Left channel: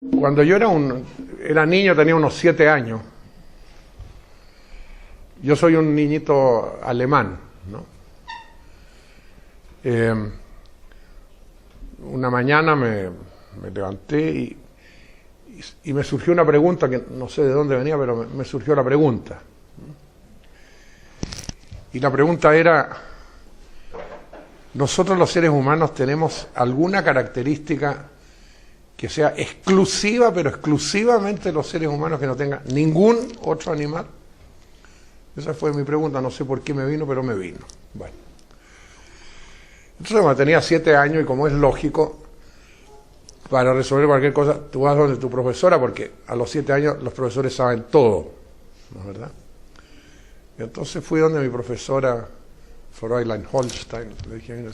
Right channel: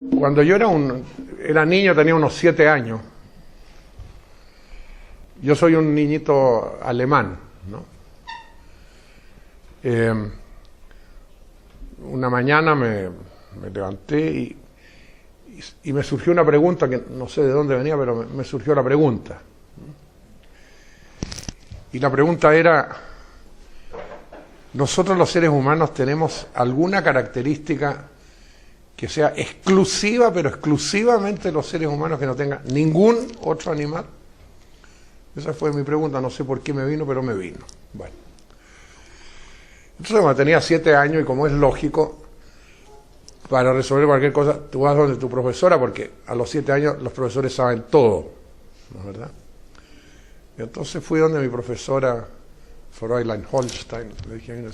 Cuando yo era niño, tenía unos 7 años. Yo soy un niñito alemán, ¿no? Una mañana me levanté y me surgió una pregunta que no sé de dónde venía, pero me surgió la pregunta. Y la pregunta era: ¿nosotros los seres humanos tenemos alguna característica que sea exclusiva, pero exclusivamente los seres humanos, que no tenga ningún otro animal? Esa fue mi pregunta, no sé por qué me vino, pero me vino. Bueno. Entonces, cuando tenía 7 años, y como es lógico, para resolver cualquier cosa, tú vas donde tu profesora, porque a los 7 años los profesores saben todo, ¿no es verdad? Y entonces fui donde mi profesora, Fräulein Holstein, le dije: mira,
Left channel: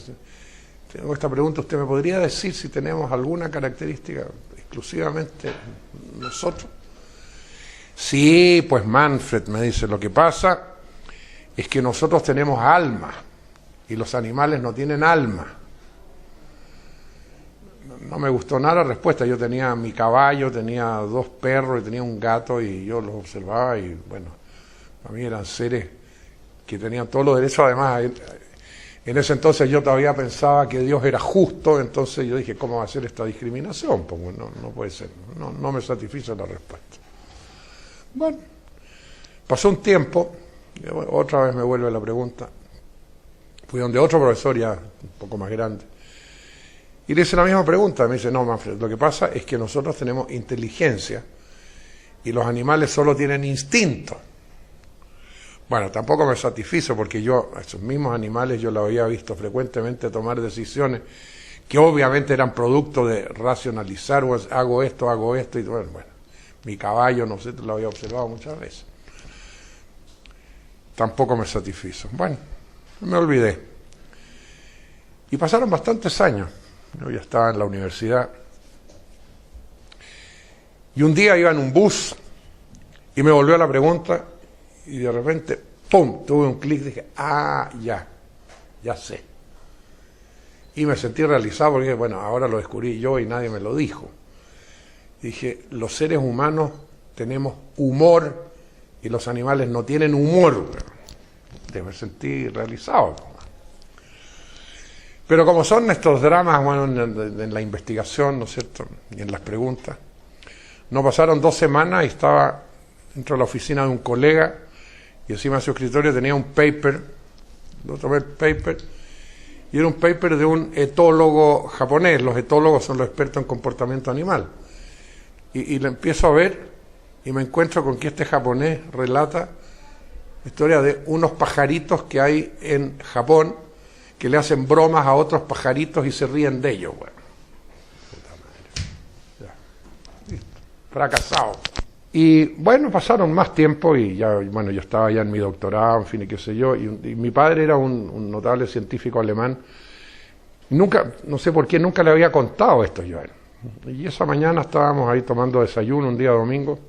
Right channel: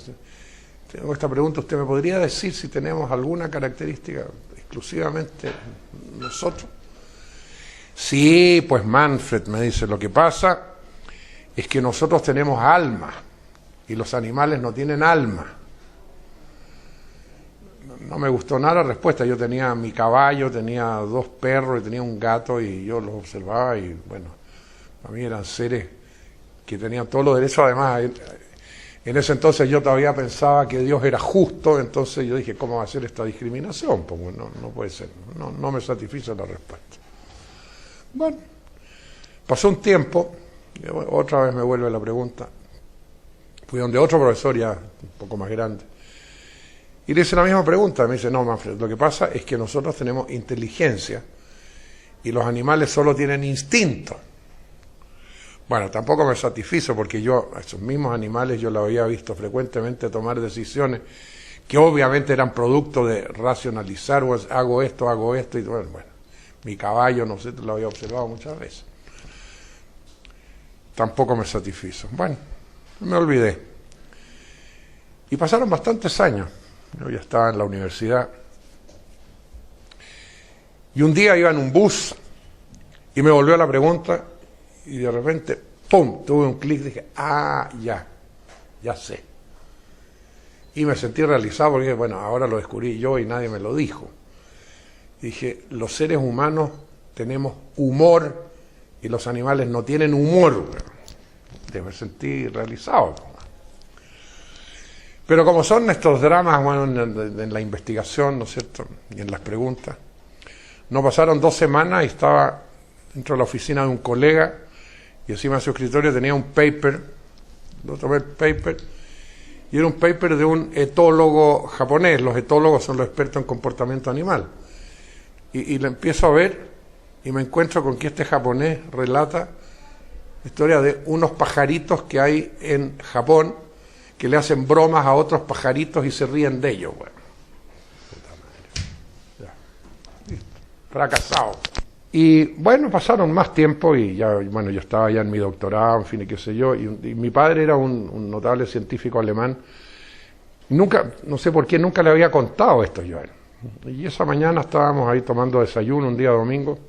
tengo esta pregunta, ¿usted me podría decir si tenemos alguna característica exclusivamente nosotros? Sí, pues Manfred, me dice, lo que pasa es que nosotros tenemos alma y los animales no tienen alma. No me gustó nada la respuesta. Yo tenía mi caballo, tenía 2 perros y tenía un gato, y yo los observaba y bueno, a mí eran seres que tenían todos los derechos. Además, en ese entonces yo todavía pensaba que Dios era justo, entonces yo dije: ¿cómo va a ser esta discriminación? Pues no puede ser, no me satisfizo la respuesta. Bueno, pasó un tiempo, y otra vez me vuelve la pregunta. Fui donde otro profesor ya un poco más grande, y le hice la misma pregunta. Me dice: no, Manfred, lo que pasa es que nosotros tenemos inteligencia y los animales solo tienen instinto. Bueno, tampoco me satisfizo, porque yo, a esos mismos animales, yo los había visto frecuentemente tomar decisiones que obviamente eran producto de racionalizar: hago esto, y bueno, mi caballo, no sé, lo había observado muchas veces. Tampoco me satisfizo. Bueno, me olvidé. Y pasaron bastantes años. Yo ya estaba en la universidad. Y un día iba en un bus y me volvió la pregunta, y de repente, ¡pum!, tuve un clic y dije: ah, ya sé. Y me sentí realizado, porque bueno, ahora lo descubrí yo y nadie me lo dijo. Dije: los seres humanos tenemos humor y los animales no tienen humor. Me sentí realizado. Pero como son estos dramas, bueno, en la investigación, ¿no es cierto?, y en las preguntas, no pasaron 2 semanas y estaba dentro de la oficina de un colega, y encima de su escritorio tenía un paper, y era un paper de un etólogo japonés. Los etólogos son los expertos en comportamiento animal. Y lo empiezo a ver y me encuentro con que este japonés relata la historia de unos pajaritos que hay en Japón, que le hacen bromas a otros pajaritos y se ríen de ellos. Bueno, fracasado. Y bueno, pasaron más tiempo y ya, bueno, yo estaba ya en mi doctorado, en fin, y qué sé yo, y mi padre era un notable científico alemán. Nunca, no sé por qué, nunca le había contado esto yo a él. Y esa mañana estábamos ahí tomando desayuno, un día domingo,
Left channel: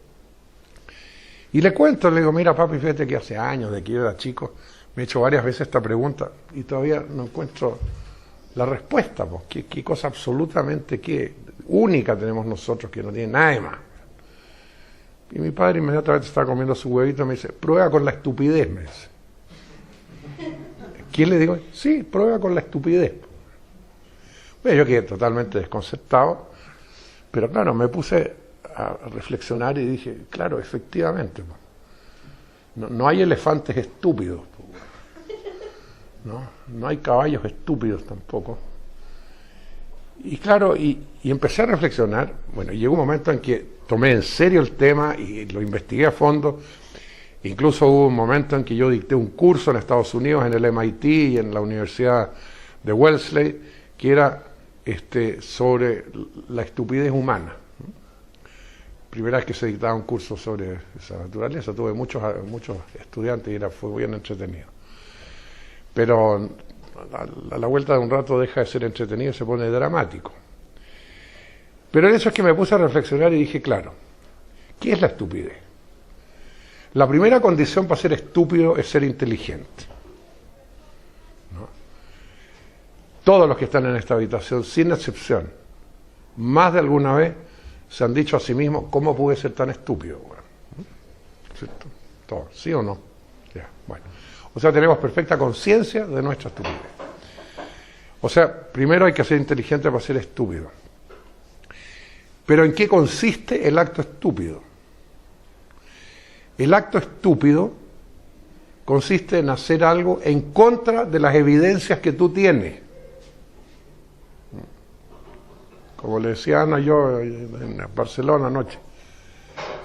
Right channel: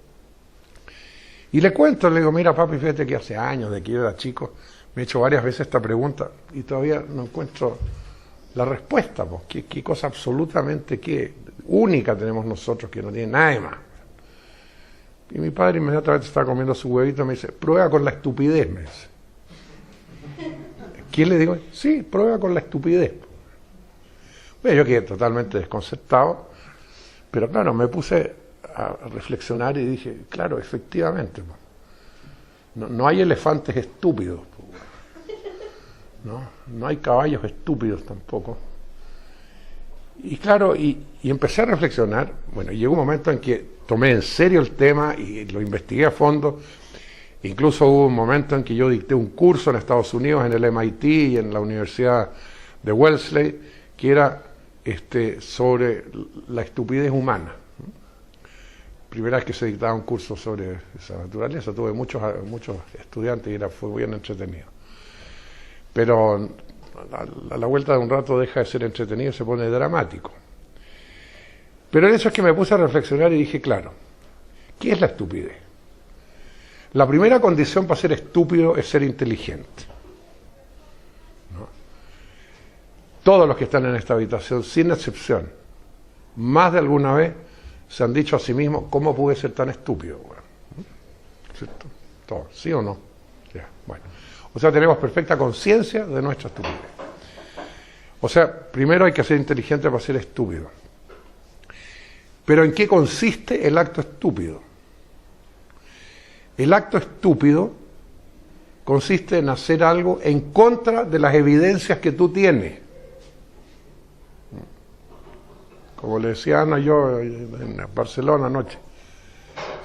y le cuento, le digo: mira, papi, fíjate que hace años, de que yo era chico, me he hecho varias veces esta pregunta y todavía no encuentro la respuesta. Pues, ¿qué cosa absolutamente única tenemos nosotros que no tiene nadie más? Y mi padre inmediatamente estaba comiendo su huevito y me dice: prueba con la estupidez, me dice. ¿Quién le digo? Sí, prueba con la estupidez. Bueno, yo quedé totalmente desconcertado, pero claro, me puse a reflexionar y dije: claro, efectivamente, no hay elefantes estúpidos, no hay caballos estúpidos tampoco. Y claro, y empecé a reflexionar. Bueno, llegó un momento en que tomé en serio el tema y lo investigué a fondo. Incluso hubo un momento en que yo dicté un curso en Estados Unidos, en el MIT y en la Universidad de Wellesley, que era sobre la estupidez humana. Primera vez que se dictaba un curso sobre esa naturaleza, tuve muchos estudiantes y fue bien entretenido. Pero a la vuelta de un rato deja de ser entretenido y se pone dramático. Pero eso es que me puse a reflexionar y dije: claro, ¿qué es la estupidez? La primera condición para ser estúpido es ser inteligente. Todos los que están en esta habitación, sin excepción, más de alguna vez se han dicho a sí mismos, ¿cómo pude ser tan estúpido? Bueno, ¿cierto? ¿Todo? ¿Sí o no? Ya, bueno. O sea, tenemos perfecta conciencia de nuestra estupidez. O sea, primero hay que ser inteligente para ser estúpido. Pero ¿en qué consiste el acto estúpido? El acto estúpido consiste en hacer algo en contra de las evidencias que tú tienes. Como le decía Ana yo en Barcelona anoche.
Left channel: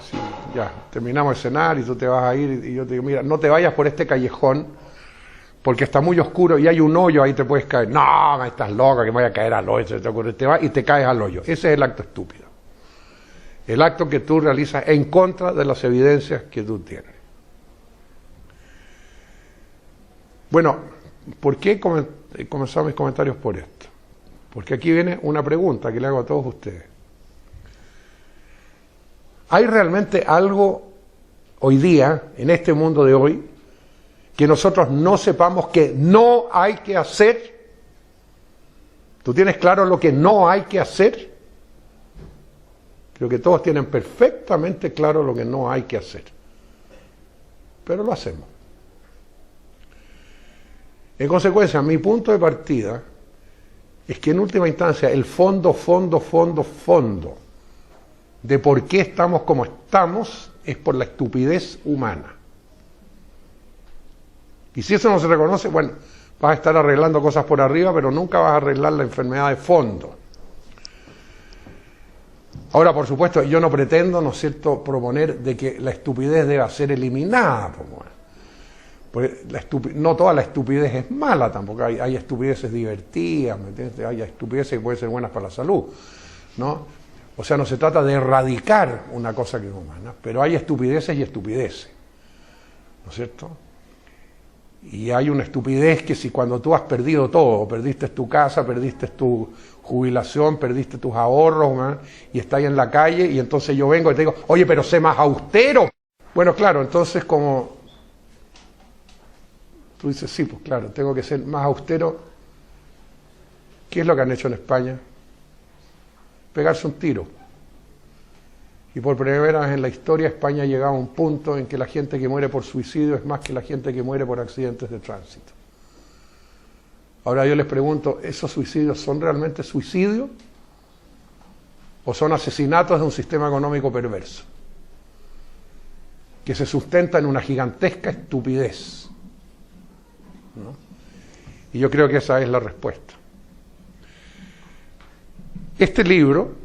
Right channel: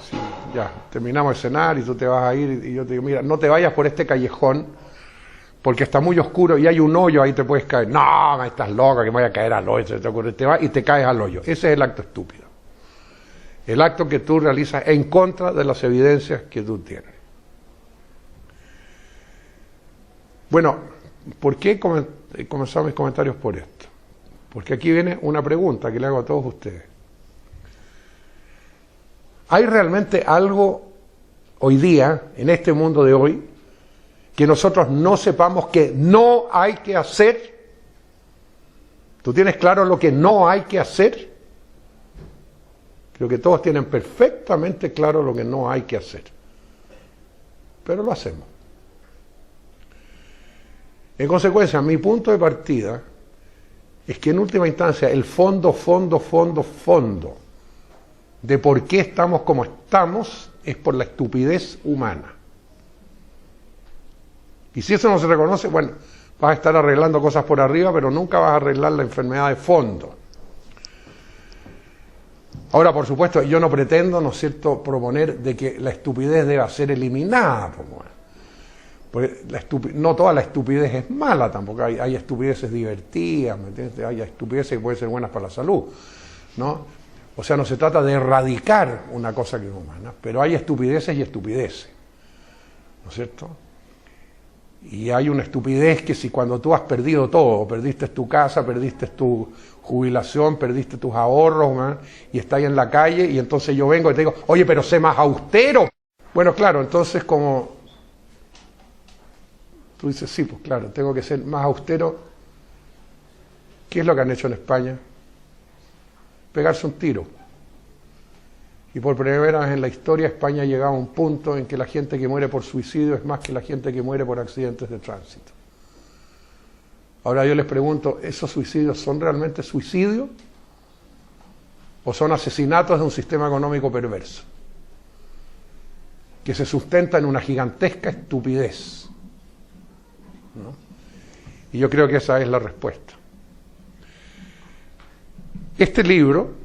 Sí, ya, terminamos de cenar y tú te vas a ir y yo te digo, mira, no te vayas por este callejón porque está muy oscuro y hay un hoyo, ahí te puedes caer. No, estás loca, que me voy a caer al hoyo, se te ocurre, te vas y te caes al hoyo. Ese es el acto estúpido. El acto que tú realizas en contra de las evidencias que tú tienes. Bueno, ¿por qué he comenzado mis comentarios por esto? Porque aquí viene una pregunta que le hago a todos ustedes. ¿Hay realmente algo hoy día, en este mundo de hoy, que nosotros no sepamos que no hay que hacer? ¿Tú tienes claro lo que no hay que hacer? Creo que todos tienen perfectamente claro lo que no hay que hacer. Pero lo hacemos. En consecuencia, mi punto de partida es que en última instancia el fondo de por qué estamos como estamos es por la estupidez humana. Y si eso no se reconoce, bueno, vas a estar arreglando cosas por arriba, pero nunca vas a arreglar la enfermedad de fondo. Ahora, por supuesto, yo no pretendo, ¿no es cierto?, proponer de que la estupidez deba ser eliminada. Porque no toda la estupidez es mala tampoco, hay estupideces divertidas, ¿me entiendes? Hay estupideces que pueden ser buenas para la salud, ¿no? O sea, no se trata de erradicar una cosa que es humana, pero hay estupideces y estupideces, ¿no es cierto? Y hay una estupidez que si cuando tú has perdido todo, perdiste tu casa, perdiste tu jubilación, perdiste tus ahorros, ¿no?, y estás ahí en la calle, y entonces yo vengo y te digo, oye, pero sé más austero. Bueno, claro, entonces como tú dices, sí, pues claro, tengo que ser más austero. ¿Qué es lo que han hecho en España? Pegarse un tiro. Y por primera vez en la historia España ha llegado a un punto en que la gente que muere por suicidio es más que la gente que muere por accidentes de tránsito. Ahora yo les pregunto, ¿esos suicidios son realmente suicidios? ¿O son asesinatos de un sistema económico perverso? Que se sustenta en una gigantesca estupidez, ¿no? Y yo creo que esa es la respuesta. Este libro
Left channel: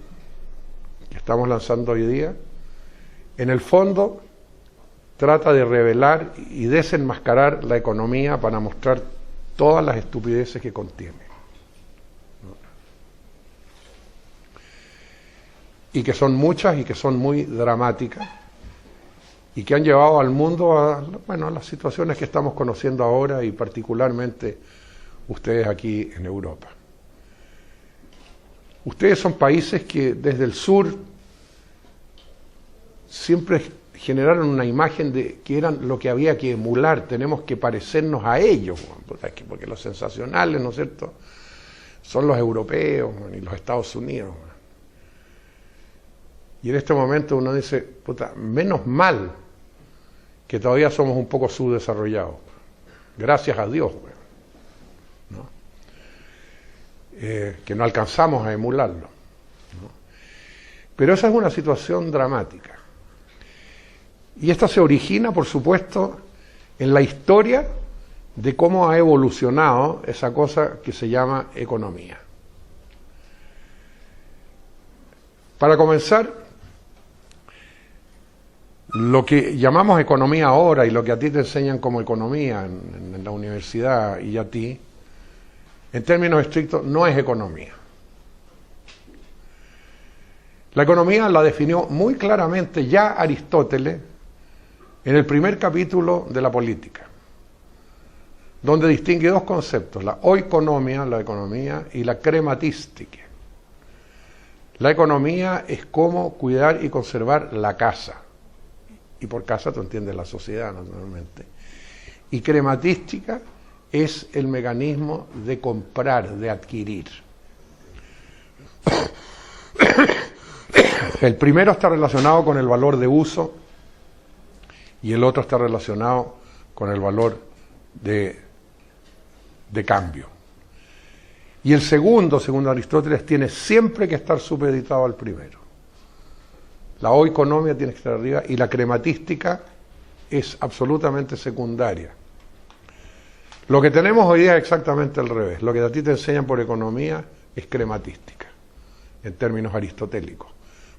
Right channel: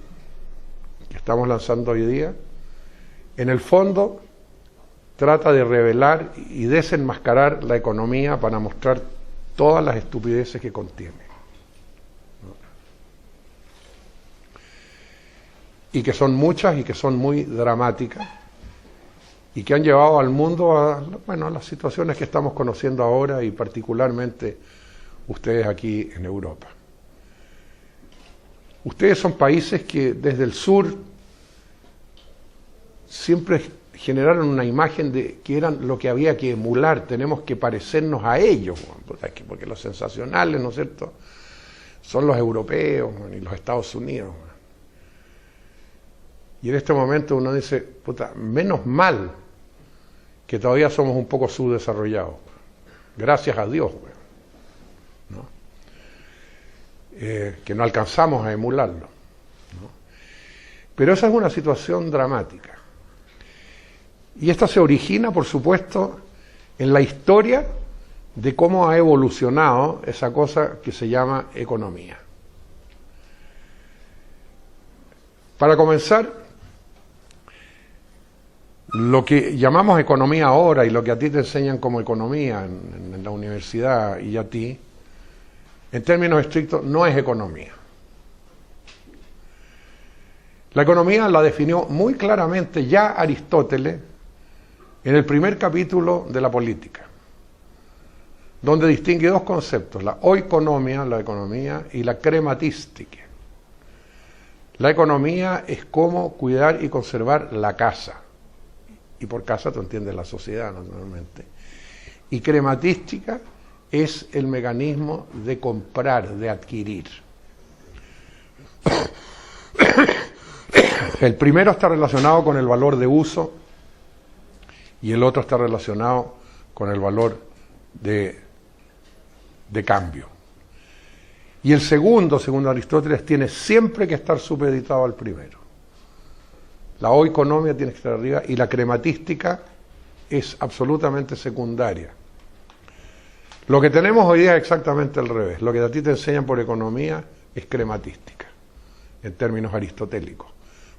que estamos lanzando hoy día, en el fondo trata de revelar y desenmascarar la economía para mostrar todas las estupideces que contiene, ¿no? Y que son muchas y que son muy dramáticas y que han llevado al mundo a, bueno, a las situaciones que estamos conociendo ahora y particularmente ustedes aquí en Europa. Ustedes son países que desde el sur siempre generaron una imagen de que eran lo que había que emular, tenemos que parecernos a ellos, porque los sensacionales, ¿no es cierto?, son los europeos y los Estados Unidos. Y en este momento uno dice, puta, menos mal que todavía somos un poco subdesarrollados, gracias a Dios, ¿no? Que no alcanzamos a emularlo, ¿no? Pero esa es una situación dramática. Y esta se origina, por supuesto, en la historia de cómo ha evolucionado esa cosa que se llama economía. Para comenzar, lo que llamamos economía ahora y lo que a ti te enseñan como economía en la universidad y a ti, en términos estrictos, no es economía. La economía la definió muy claramente ya Aristóteles en el primer capítulo de la Política, donde distingue dos conceptos, la oikonomia, la economía, y la crematística. La economía es cómo cuidar y conservar la casa, y por casa tú entiendes la sociedad naturalmente, y crematística es el mecanismo de comprar, de adquirir. El primero está relacionado con el valor de uso y el otro está relacionado con el valor de cambio. Y el segundo, según Aristóteles, tiene siempre que estar supeditado al primero. La oikonomia tiene que estar arriba y la crematística es absolutamente secundaria. Lo que tenemos hoy día es exactamente al revés. Lo que a ti te enseñan por economía es crematística, en términos aristotélicos.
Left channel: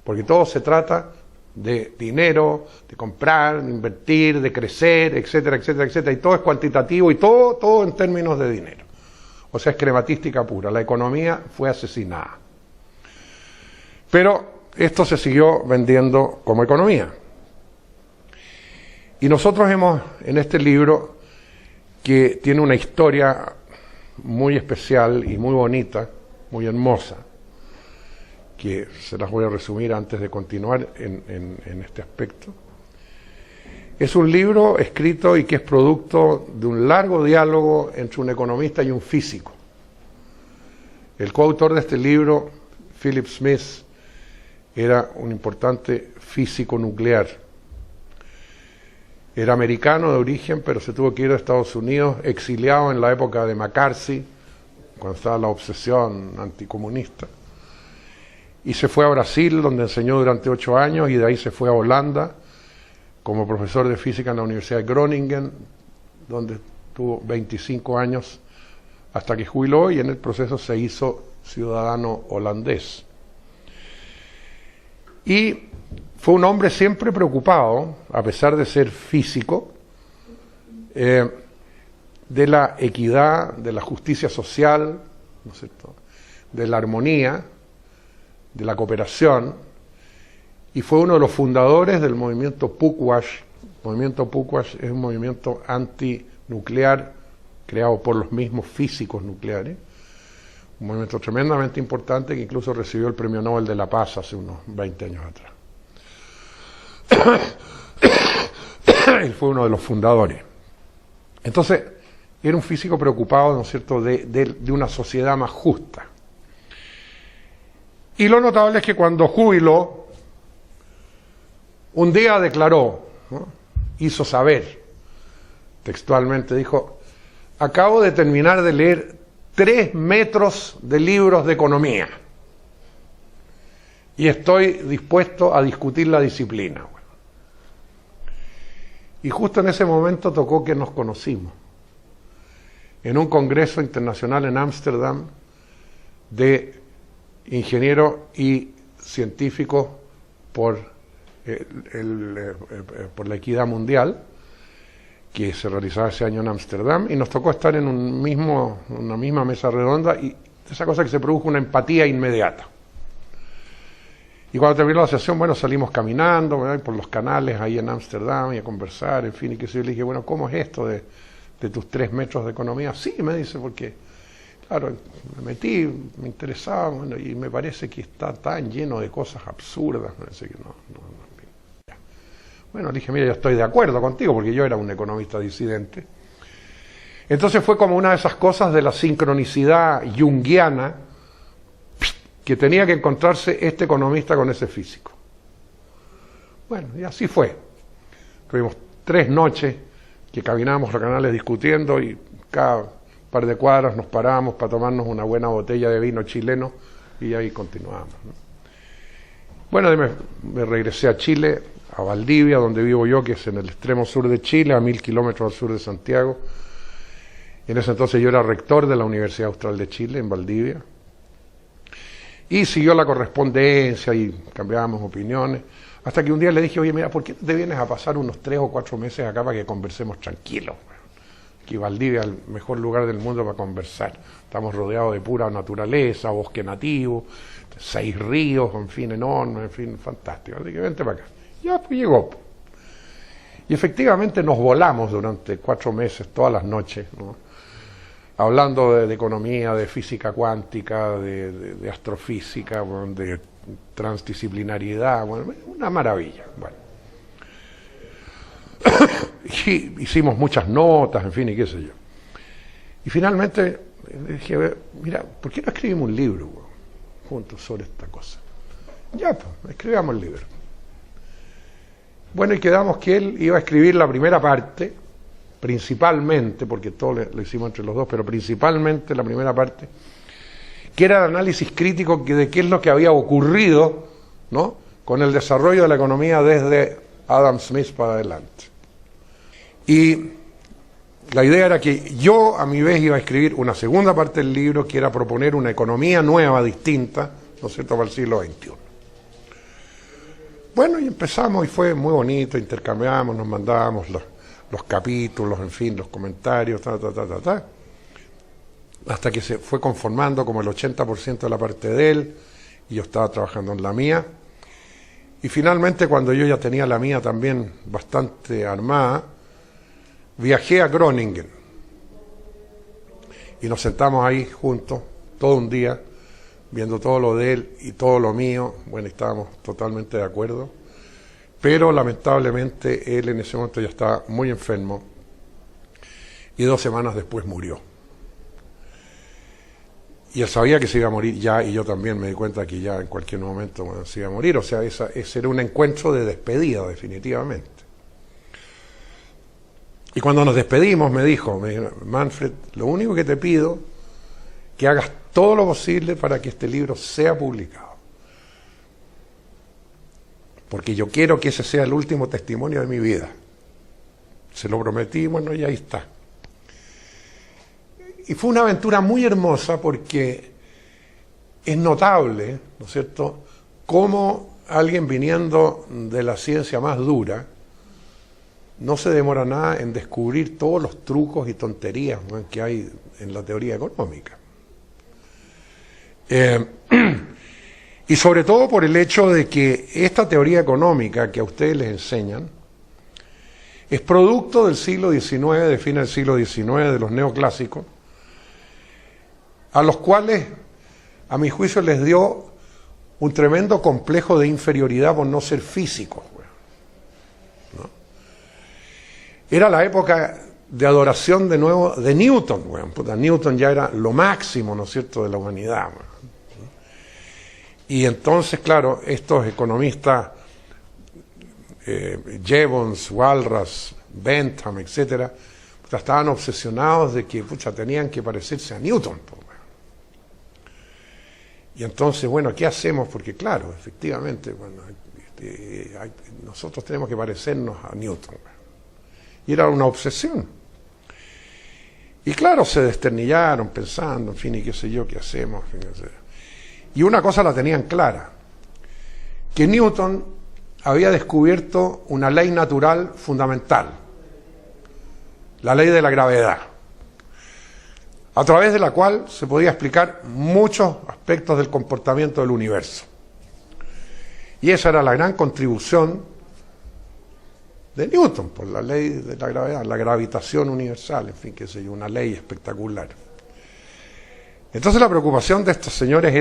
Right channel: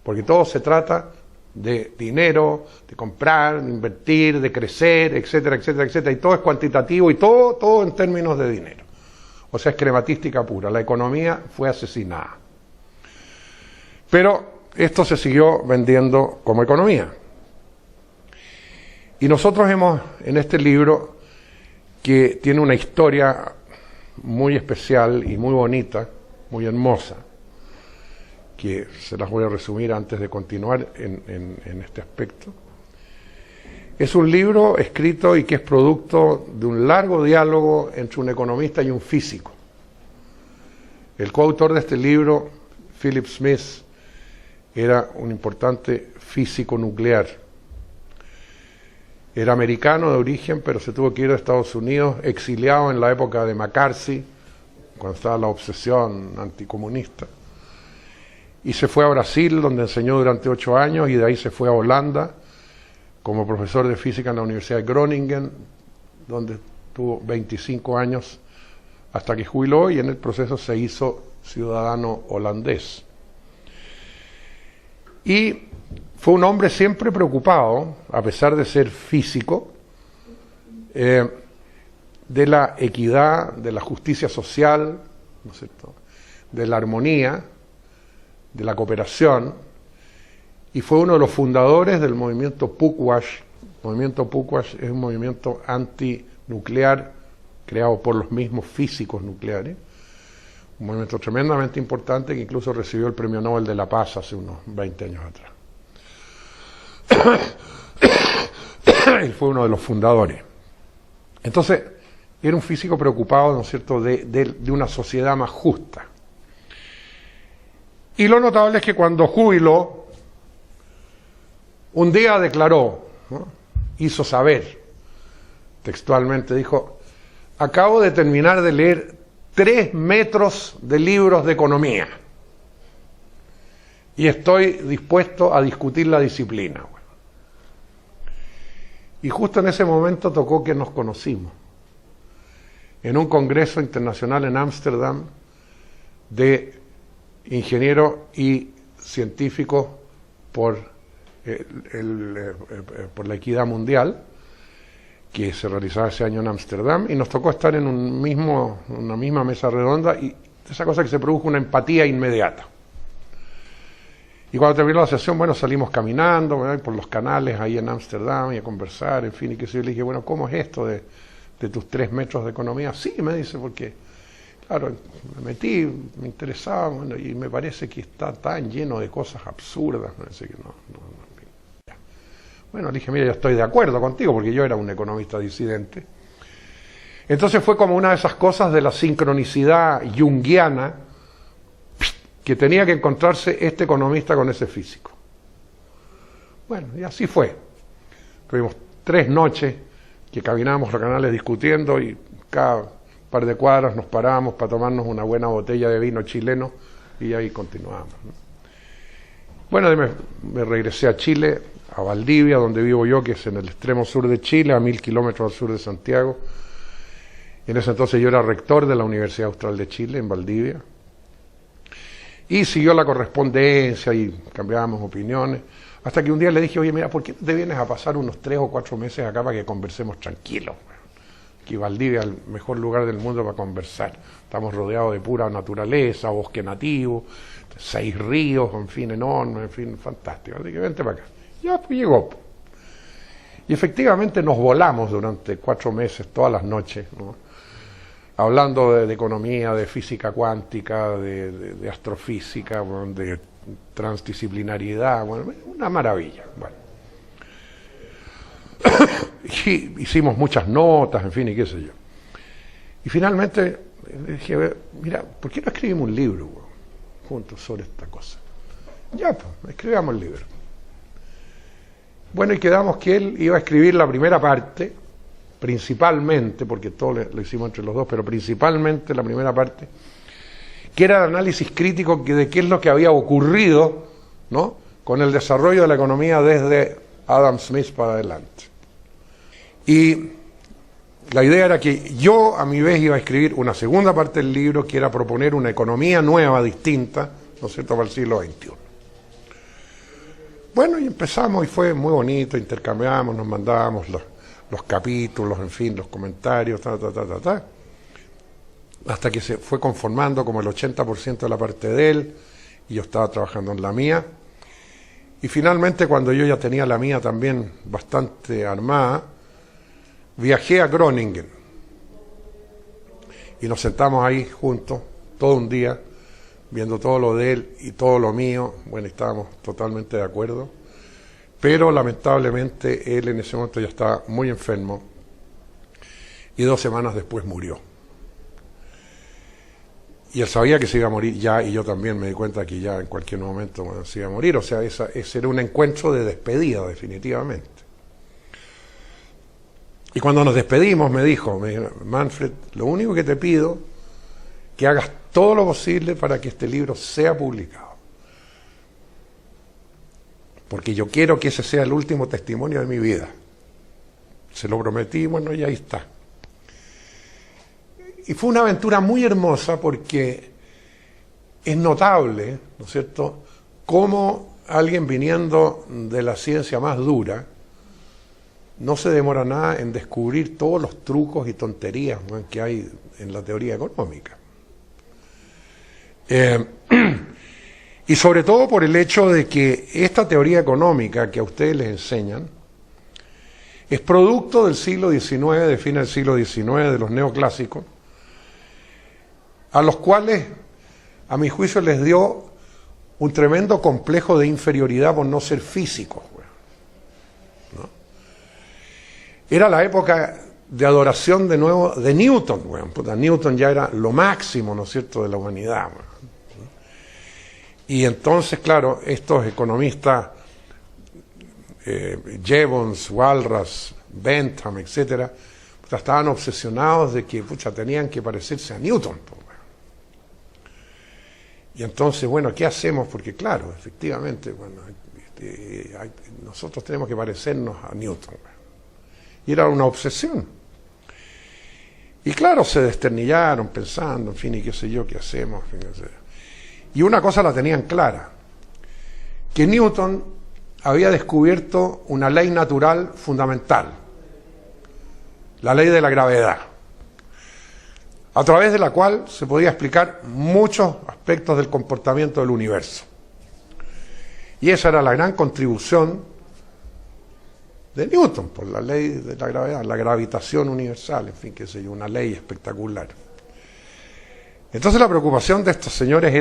Porque todo se trata de dinero, de comprar, de invertir, de crecer, etcétera, etcétera, etcétera. Y todo es cuantitativo y todo en términos de dinero. O sea, es crematística pura. La economía fue asesinada. Pero esto se siguió vendiendo como economía. Y nosotros hemos, en este libro, que tiene una historia muy especial y muy bonita, muy hermosa, que se las voy a resumir antes de continuar en este aspecto. Es un libro escrito y que es producto de un largo diálogo entre un economista y un físico. El coautor de este libro, Philip Smith, era un importante físico nuclear. Era americano de origen, pero se tuvo que ir a Estados Unidos, exiliado en la época de McCarthy, cuando estaba la obsesión anticomunista. Y se fue a Brasil, donde enseñó durante 8 años, y de ahí se fue a Holanda, como profesor de física en la Universidad de Groningen, donde tuvo 25 años hasta que jubiló, y en el proceso se hizo ciudadano holandés. Y fue un hombre siempre preocupado, a pesar de ser físico, de la equidad, de la justicia social, ¿no es cierto?, de la armonía, de la cooperación, y fue uno de los fundadores del movimiento Pugwash. El movimiento Pugwash es un movimiento antinuclear creado por los mismos físicos nucleares, un movimiento tremendamente importante que incluso recibió el Premio Nobel de la Paz hace unos 20 años atrás. Y fue uno de los fundadores. Entonces, era un físico preocupado, ¿no es cierto?, de una sociedad más justa. Y lo notable es que cuando jubiló, un día declaró, ¿no?, hizo saber, textualmente dijo: acabo de terminar de leer 3 metros de libros de economía y estoy dispuesto a discutir la disciplina. Bueno. Y justo en ese momento tocó que nos conocimos en un congreso internacional en Ámsterdam de ingenieros y científicos por la equidad mundial, que se realizaba ese año en Ámsterdam, y nos tocó estar en una misma mesa redonda, y esa cosa que se produjo una empatía inmediata. Y cuando terminó la sesión, bueno, salimos caminando, ¿verdad?, por los canales ahí en Ámsterdam y a conversar, en fin, y que se le dije, bueno, ¿cómo es esto de tus 3 metros de economía? Sí, me dice, porque, claro, me metí, me interesaba, bueno, y me parece que está tan lleno de cosas absurdas, me dice que no. Bueno, le dije, mira, yo estoy de acuerdo contigo, porque yo era un economista disidente. Entonces fue como una de esas cosas de la sincronicidad junguiana, que tenía que encontrarse este economista con ese físico. Bueno, y así fue. Tuvimos 3 noches que caminábamos los canales discutiendo, y cada par de cuadras nos parábamos para tomarnos una buena botella de vino chileno, y ahí continuábamos, ¿no? Bueno, me regresé a Chile, a Valdivia, donde vivo yo, que es en el extremo sur de Chile, a 1000 kilómetros al sur de Santiago. En ese entonces yo era rector de la Universidad Austral de Chile, en Valdivia. Y siguió la correspondencia y cambiábamos opiniones, hasta que un día le dije, oye, mira, ¿por qué no te vienes a pasar unos 3 o 4 meses acá para que conversemos tranquilos? Aquí Valdivia es el mejor lugar del mundo para conversar. Estamos rodeados de pura naturaleza, bosque nativo, 6 ríos, en fin, enormes, en fin, fantástico. Así que vente para acá. Ya, pues llegó. Y efectivamente nos volamos durante 4 meses, todas las noches, ¿no?, hablando de economía, de física cuántica, de astrofísica, bueno, de transdisciplinariedad, bueno, una maravilla. Bueno. Y hicimos muchas notas, en fin, y qué sé yo. Y finalmente dije, mira, ¿por qué no escribimos un libro, bueno, juntos sobre esta cosa? Ya, pues, escribamos el libro. Bueno, y quedamos que él iba a escribir la primera parte, principalmente, porque todo lo hicimos entre los dos, pero principalmente la primera parte, que era el análisis crítico de qué es lo que había ocurrido, ¿no?, con el desarrollo de la economía desde Adam Smith para adelante. Y la idea era que yo a mi vez iba a escribir una segunda parte del libro, que era proponer una economía nueva, distinta, ¿no es cierto?, para el siglo XXI. Bueno, y empezamos y fue muy bonito, intercambiamos, nos mandábamos los capítulos, en fin, los comentarios, hasta que se fue conformando como el 80% de la parte de él, y yo estaba trabajando en la mía. Y finalmente, cuando yo ya tenía la mía también bastante armada, viajé a Groningen y nos sentamos ahí juntos todo un día, viendo todo lo de él y todo lo mío. Bueno, estábamos totalmente de acuerdo, pero lamentablemente él en ese momento ya estaba muy enfermo y 2 semanas después murió. Y él sabía que se iba a morir ya, y yo también me di cuenta que ya en cualquier momento, bueno, se iba a morir. O sea, ese era un encuentro de despedida, definitivamente. Y cuando nos despedimos me dijo, Manfred, lo único que te pido, que hagas todo lo posible para que este libro sea publicado. Porque yo quiero que ese sea el último testimonio de mi vida. Se lo prometí, bueno, y ahí está. Y fue una aventura muy hermosa porque es notable, ¿no es cierto?, cómo alguien viniendo de la ciencia más dura no se demora nada en descubrir todos los trucos y tonterías, ¿no?, que hay en la teoría económica. Y sobre todo por el hecho de que esta teoría económica que a ustedes les enseñan es producto del siglo XIX, de fin del siglo XIX, de los neoclásicos, a los cuales, a mi juicio, les dio un tremendo complejo de inferioridad por no ser físicos, ¿no? Era la época de adoración de nuevo de Newton, porque Newton ya era lo máximo, ¿no es cierto?, de la humanidad. Y entonces, claro, estos economistas, Jevons, Walras, Bentham, etcétera, estaban obsesionados de que tenían que parecerse a Newton. Y entonces, bueno, ¿qué hacemos? Porque claro, efectivamente, bueno, nosotros tenemos que parecernos a Newton. Y era una obsesión. Y claro, se desternillaron pensando, en fin, y qué sé yo, qué hacemos. Y una cosa la tenían clara, que Newton había descubierto una ley natural fundamental, la ley de la gravedad, a través de la cual se podía explicar muchos aspectos del comportamiento del universo. Y esa era la gran contribución de Newton, por la ley de la gravedad, la gravitación universal, en fin, qué sé yo, una ley espectacular. Entonces la preocupación de estos señores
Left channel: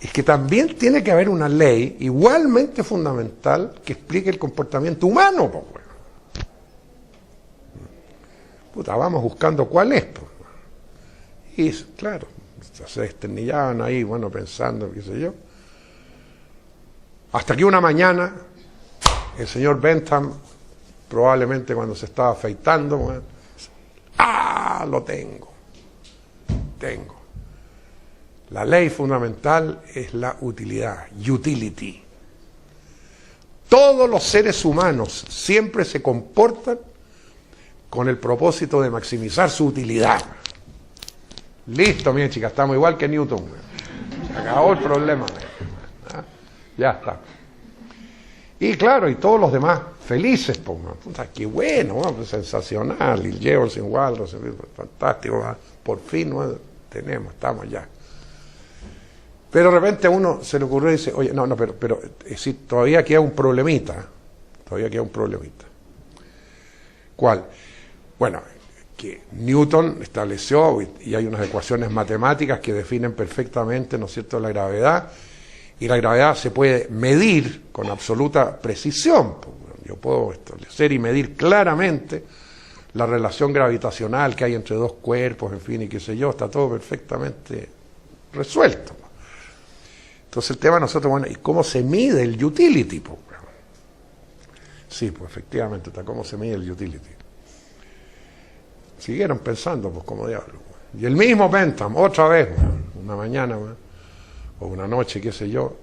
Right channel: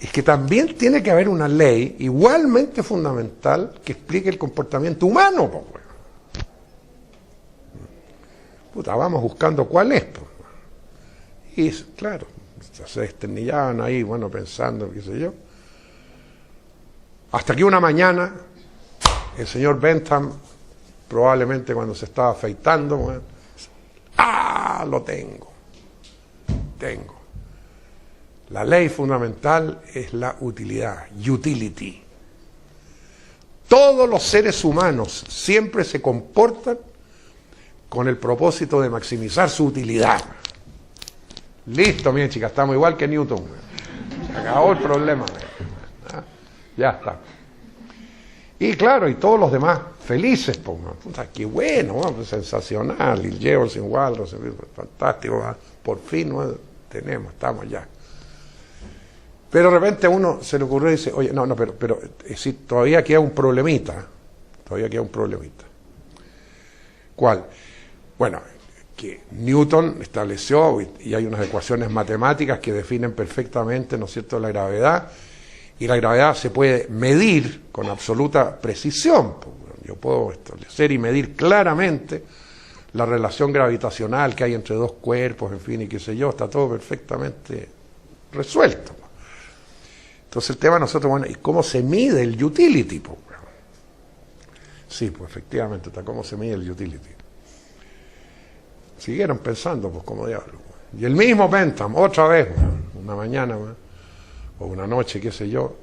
es que también tiene que haber una ley igualmente fundamental que explique el comportamiento humano. Vamos buscando cuál es. Y claro, se desternillaban ahí, bueno, pensando, qué sé yo. Hasta que una mañana, el señor Bentham, probablemente cuando se estaba afeitando, bueno, lo tengo. La ley fundamental es la utilidad, utility. Todos los seres humanos siempre se comportan con el propósito de maximizar su utilidad. Listo, mi chica, estamos igual que Newton. Acabó el problema. Ya está. Y claro, y todos los demás felices, qué bueno, sensacional, y llevo sin Walras, fantástico, por fin estamos ya. Pero de repente a uno se le ocurrió y dice, oye, pero todavía queda un problemita. ¿Cuál? Bueno, que Newton estableció, y hay unas ecuaciones matemáticas que definen perfectamente, ¿no es cierto?, la gravedad, y la gravedad se puede medir con absoluta precisión. Yo puedo establecer y medir claramente la relación gravitacional que hay entre dos cuerpos, en fin, y qué sé yo, está todo perfectamente resuelto. Entonces el tema nosotros, bueno, ¿y cómo se mide el utility? Po? Sí, pues efectivamente está cómo se mide el utility. Siguieron pensando, pues como diablo. Y el mismo Bentham, otra vez, una mañana o una noche, qué sé yo,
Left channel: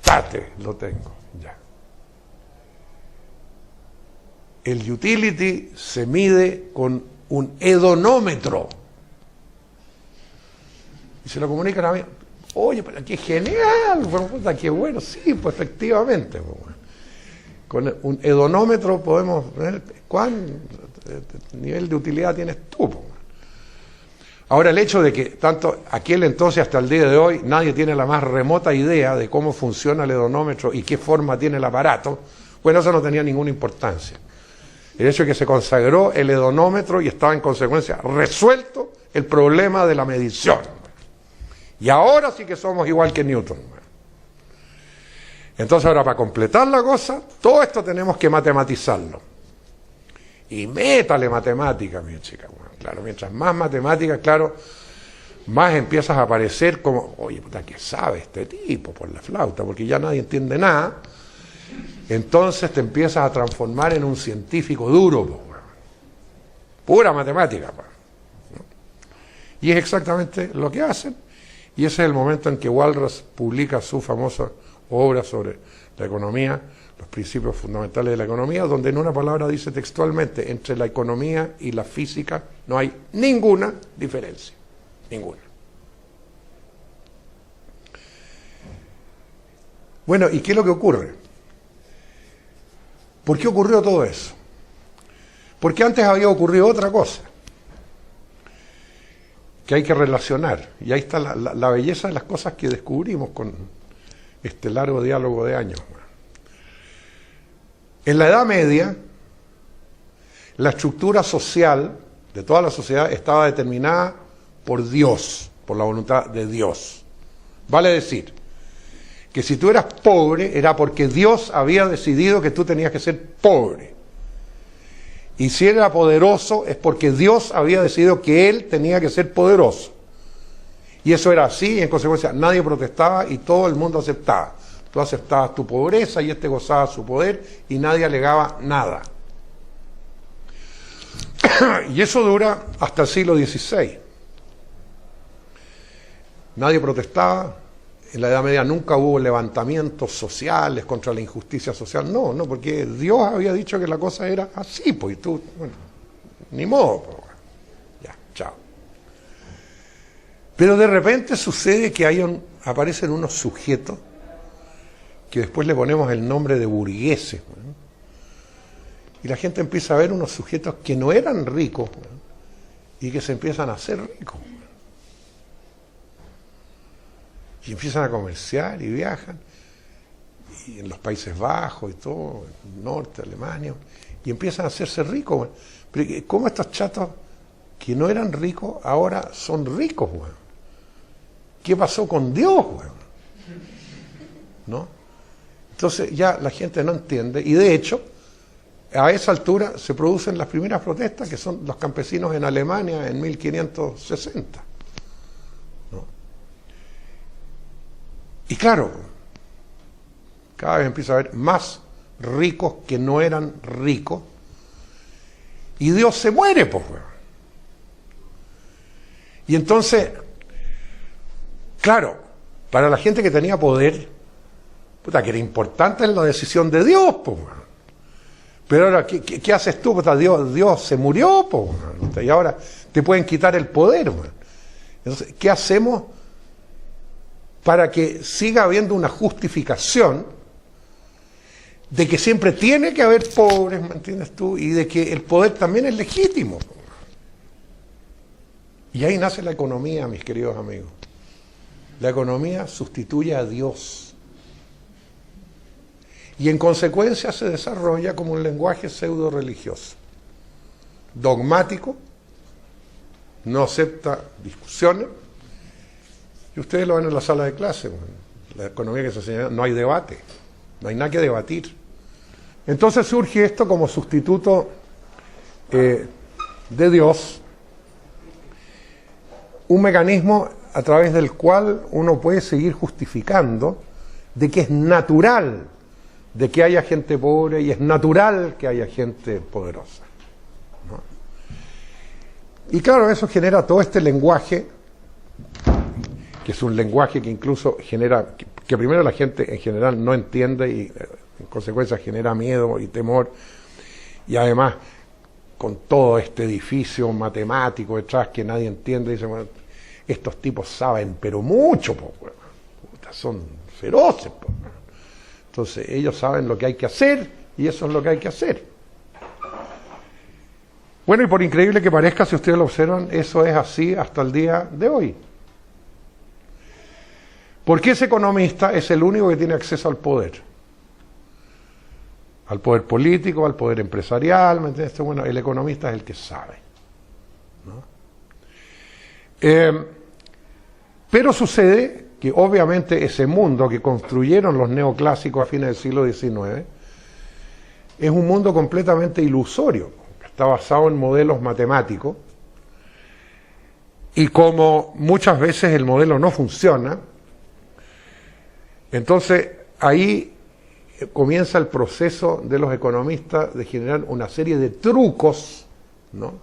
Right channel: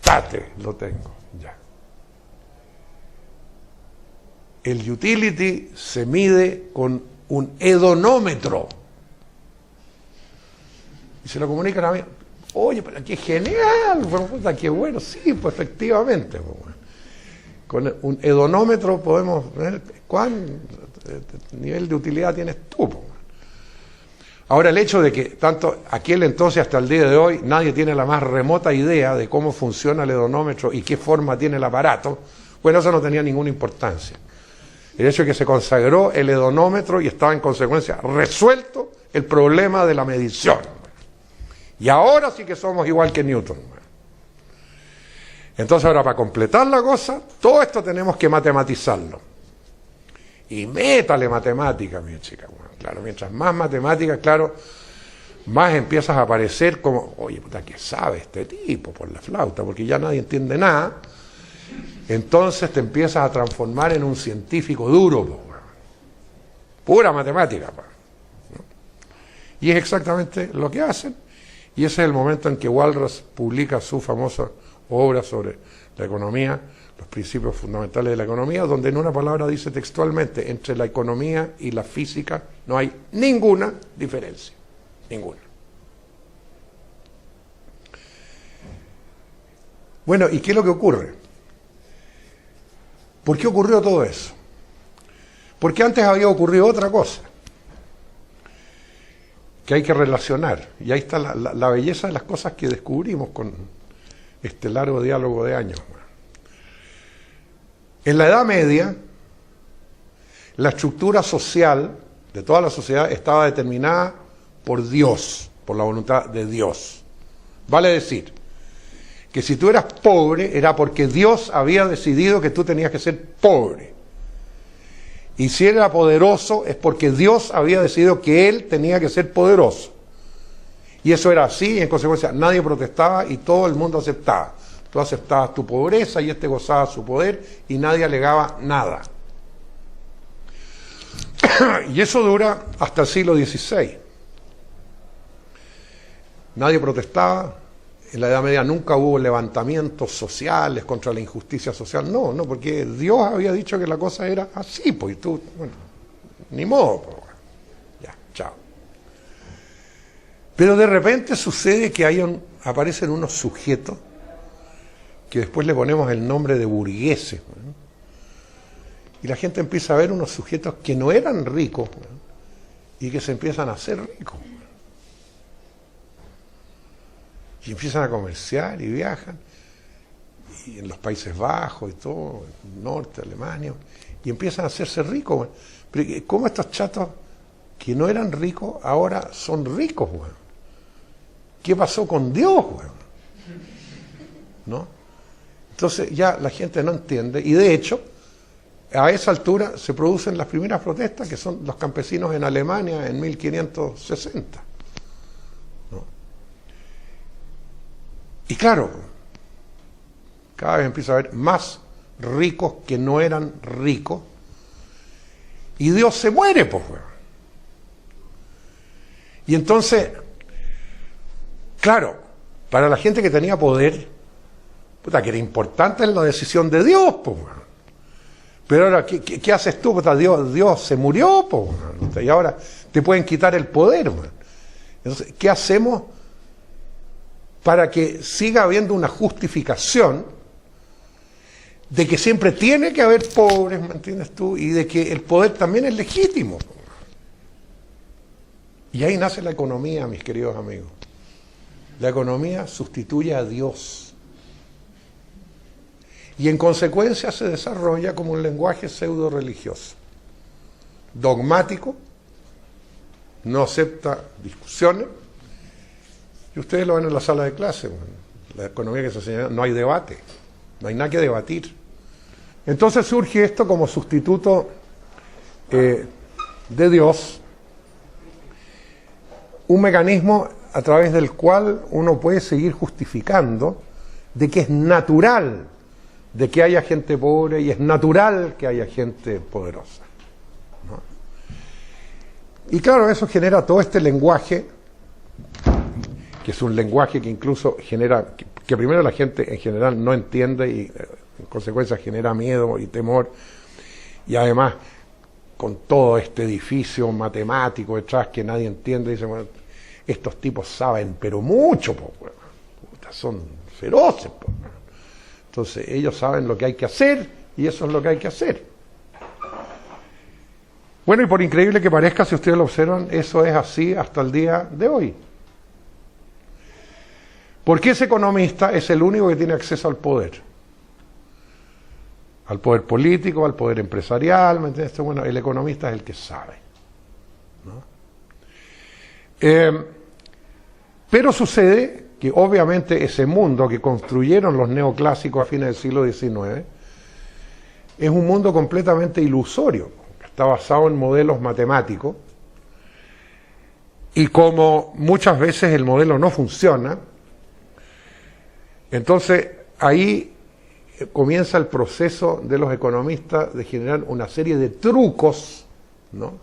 tate, lo tengo, ya. El utility se mide con un hedonómetro. Y se lo comunican a mí. Oye, pero qué genial, pero puta, qué bueno, sí, pues efectivamente. Pues, con un hedonómetro podemos ver cuán nivel de utilidad tienes tú. Pues. Ahora, el hecho de que tanto aquel entonces hasta el día de hoy nadie tiene la más remota idea de cómo funciona el hedonómetro y qué forma tiene el aparato, bueno, eso no tenía ninguna importancia. El hecho de que se consagró el hedonómetro y estaba en consecuencia resuelto el problema de la medición. Y ahora sí que somos igual que Newton. Entonces ahora para completar la cosa, todo esto tenemos que matematizarlo. Y métale matemática, mi chica. Bueno, claro, mientras más matemática, claro, más empiezas a aparecer como, oye, puta, ¿qué sabe este tipo por la flauta? Porque ya nadie entiende nada. Entonces te empiezas a transformar en un científico duro, po, pura matemática. Po, ¿no? Y es exactamente lo que hacen. Y ese es el momento en que Walras publica su famosa obra sobre la economía, los principios fundamentales de la economía, donde en una palabra dice textualmente, entre la economía y la física no hay ninguna diferencia, ninguna. Bueno, ¿y qué es lo que ocurre? ¿Por qué ocurrió todo eso? Porque antes había ocurrido otra cosa que hay que relacionar, y ahí está la belleza de las cosas que descubrimos con este largo diálogo de años. En la Edad Media, la estructura social de toda la sociedad estaba determinada por Dios, por la voluntad de Dios. Vale decir, que si tú eras pobre era porque Dios había decidido que tú tenías que ser pobre. Y si era poderoso es porque Dios había decidido que él tenía que ser poderoso. Y eso era así, y en consecuencia nadie protestaba y todo el mundo aceptaba. Tú aceptabas tu pobreza y este gozaba su poder y nadie alegaba nada. Y eso dura hasta el siglo XVI. Nadie protestaba. En la Edad Media nunca hubo levantamientos sociales contra la injusticia social. No, porque Dios había dicho que la cosa era así, pues tú, bueno, ni modo, pues, ya, chao. Pero de repente sucede que aparecen unos sujetos que después le ponemos el nombre de burgueses, ¿no? Y la gente empieza a ver unos sujetos que no eran ricos, ¿no? Y que se empiezan a hacer ricos. Y empiezan a comerciar y viajan, y en los Países Bajos y todo, en el norte, Alemania, y empiezan a hacerse ricos. Bueno. Pero ¿cómo estos chatos que no eran ricos ahora son ricos? Bueno? ¿Qué pasó con Dios? Bueno? ¿No? Entonces ya la gente no entiende, y de hecho, a esa altura se producen las primeras protestas, que son los campesinos en Alemania en 1560. Y claro, cada vez empieza a haber más ricos que no eran ricos, y Dios se muere, pues. Y entonces, claro, para la gente que tenía poder, puta, que era importante la decisión de Dios, pues. Pero ahora, ¿qué haces tú? Puta, Dios se murió, pues. Y ahora te pueden quitar el poder, pues. Entonces, ¿qué hacemos para que siga habiendo una justificación de que siempre tiene que haber pobres, ¿me entiendes tú? Y de que el poder también es legítimo. Y ahí nace la economía, mis queridos amigos. La economía sustituye a Dios. Y en consecuencia se desarrolla como un lenguaje pseudo religioso, dogmático, no acepta discusiones. Y ustedes lo ven en la sala de clase, bueno, la economía que se enseña, no hay debate, no hay nada que debatir. Entonces surge esto como sustituto de Dios, un mecanismo a través del cual uno puede seguir justificando de que es natural de que haya gente pobre y es natural que haya gente poderosa, ¿no? Y claro, eso genera todo este lenguaje, que es un lenguaje que incluso genera, que primero la gente en general no entiende y en consecuencia genera miedo y temor, y además con todo este edificio matemático detrás que nadie entiende, dice, bueno, estos tipos saben pero mucho, pues, son feroces, pues. Entonces ellos saben lo que hay que hacer y eso es lo que hay que hacer. Bueno, y por increíble que parezca, si ustedes lo observan, eso es así hasta el día de hoy. Porque ese economista es el único que tiene acceso al poder político, al poder empresarial, ¿me entiendes? Bueno, el economista es el que sabe, ¿no? Pero sucede que obviamente ese mundo que construyeron los neoclásicos a fines del siglo XIX es un mundo completamente ilusorio, está basado en modelos matemáticos, y como muchas veces el modelo no funciona, entonces ahí comienza el proceso de los economistas de generar una serie de trucos, ¿no?,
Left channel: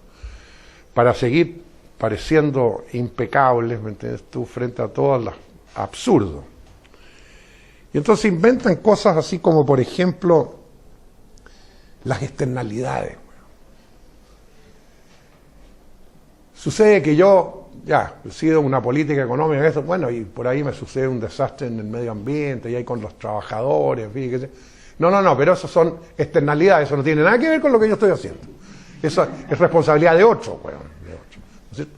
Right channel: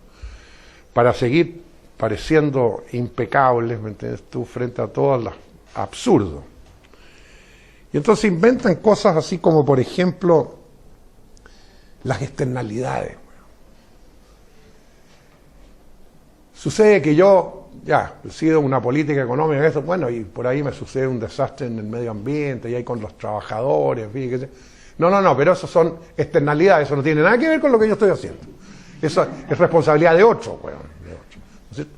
para seguir pareciendo impecables, ¿me entiendes tú?, frente a todo lo absurdo. Y entonces inventan cosas así como, por ejemplo, las externalidades. Sucede que yo, he sido una política económica, eso, bueno, y por ahí me sucede un desastre en el medio ambiente, y ahí con los trabajadores, en fin, no, pero eso son externalidades, eso no tiene nada que ver con lo que yo estoy haciendo. Eso es responsabilidad de otro, bueno, de otro.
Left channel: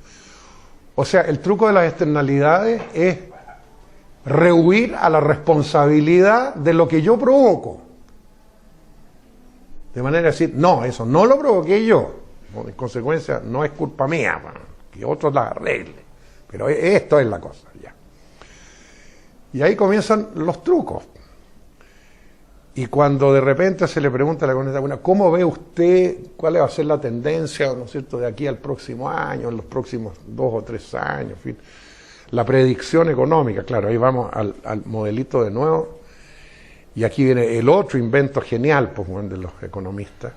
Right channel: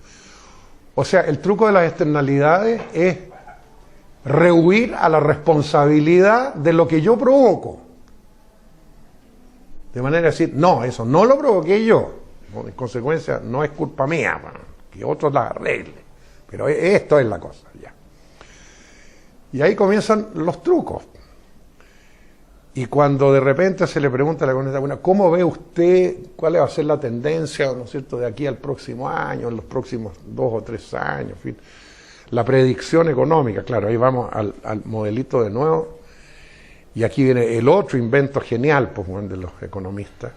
O sea, el truco de las externalidades es rehuir a la responsabilidad de lo que yo provoco. De manera de decir, no, eso no lo provoqué yo. En consecuencia, no es culpa mía, que otros la arreglen. Pero esto es la cosa, ya. Y ahí comienzan los trucos. Y cuando de repente se le pregunta a la economista, bueno, ¿cómo ve usted cuál va a ser la tendencia, ¿no es cierto?, de aquí al próximo año, en los próximos 2 o 3 años, en fin? La predicción económica, claro, ahí vamos al modelito de nuevo. Y aquí viene el otro invento genial, pues, de los economistas,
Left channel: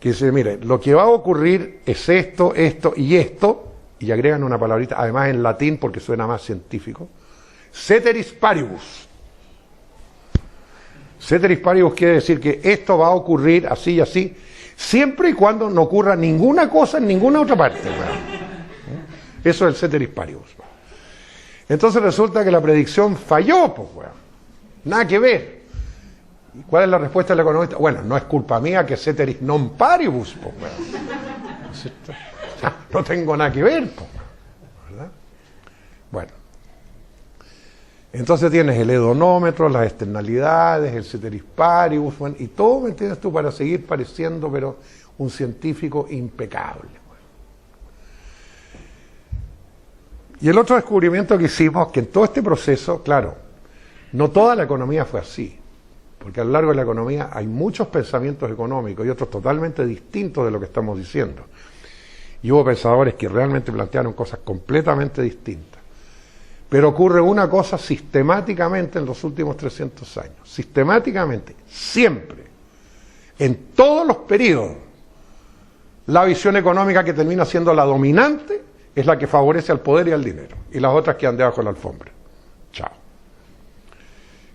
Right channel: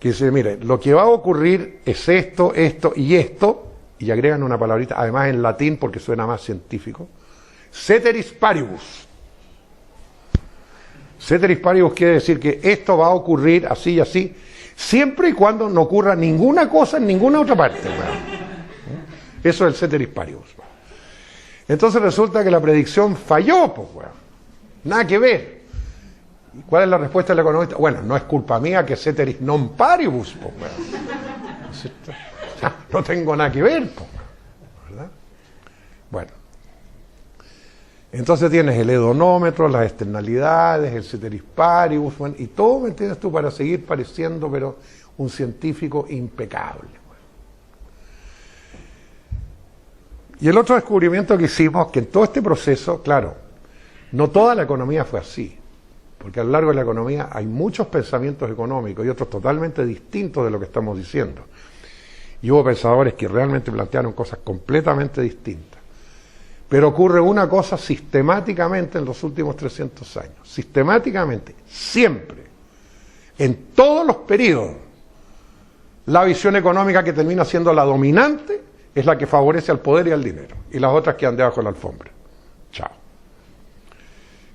que dice, mire, lo que va a ocurrir es esto, esto y esto, y agregan una palabrita, además en latín porque suena más científico, ceteris paribus. Ceteris paribus quiere decir que esto va a ocurrir así y así, siempre y cuando no ocurra ninguna cosa en ninguna otra parte. Eso es el ceteris paribus. Entonces resulta que la predicción falló, pues, bueno, nada que ver. ¿Cuál es la respuesta del economista? Bueno, no es culpa mía que ceteris non paribus, pues, bueno. No tengo nada que ver, pues, ¿verdad? Bueno. Entonces tienes el hedonómetro, las externalidades, el ceteris paribus, bueno, y todo, ¿me entiendes tú?, para seguir pareciendo, pero un científico impecable. Bueno. Y el otro descubrimiento que hicimos, que en todo este proceso, claro, no toda la economía fue así, porque a lo largo de la economía hay muchos pensamientos económicos y otros totalmente distintos de lo que estamos diciendo. Y hubo pensadores que realmente plantearon cosas completamente distintas. Pero ocurre una cosa sistemáticamente en los últimos 300 años. Sistemáticamente, siempre, en todos los periodos, la visión económica que termina siendo la dominante es la que favorece al poder y al dinero. Y las otras quedan debajo de la alfombra. Chao.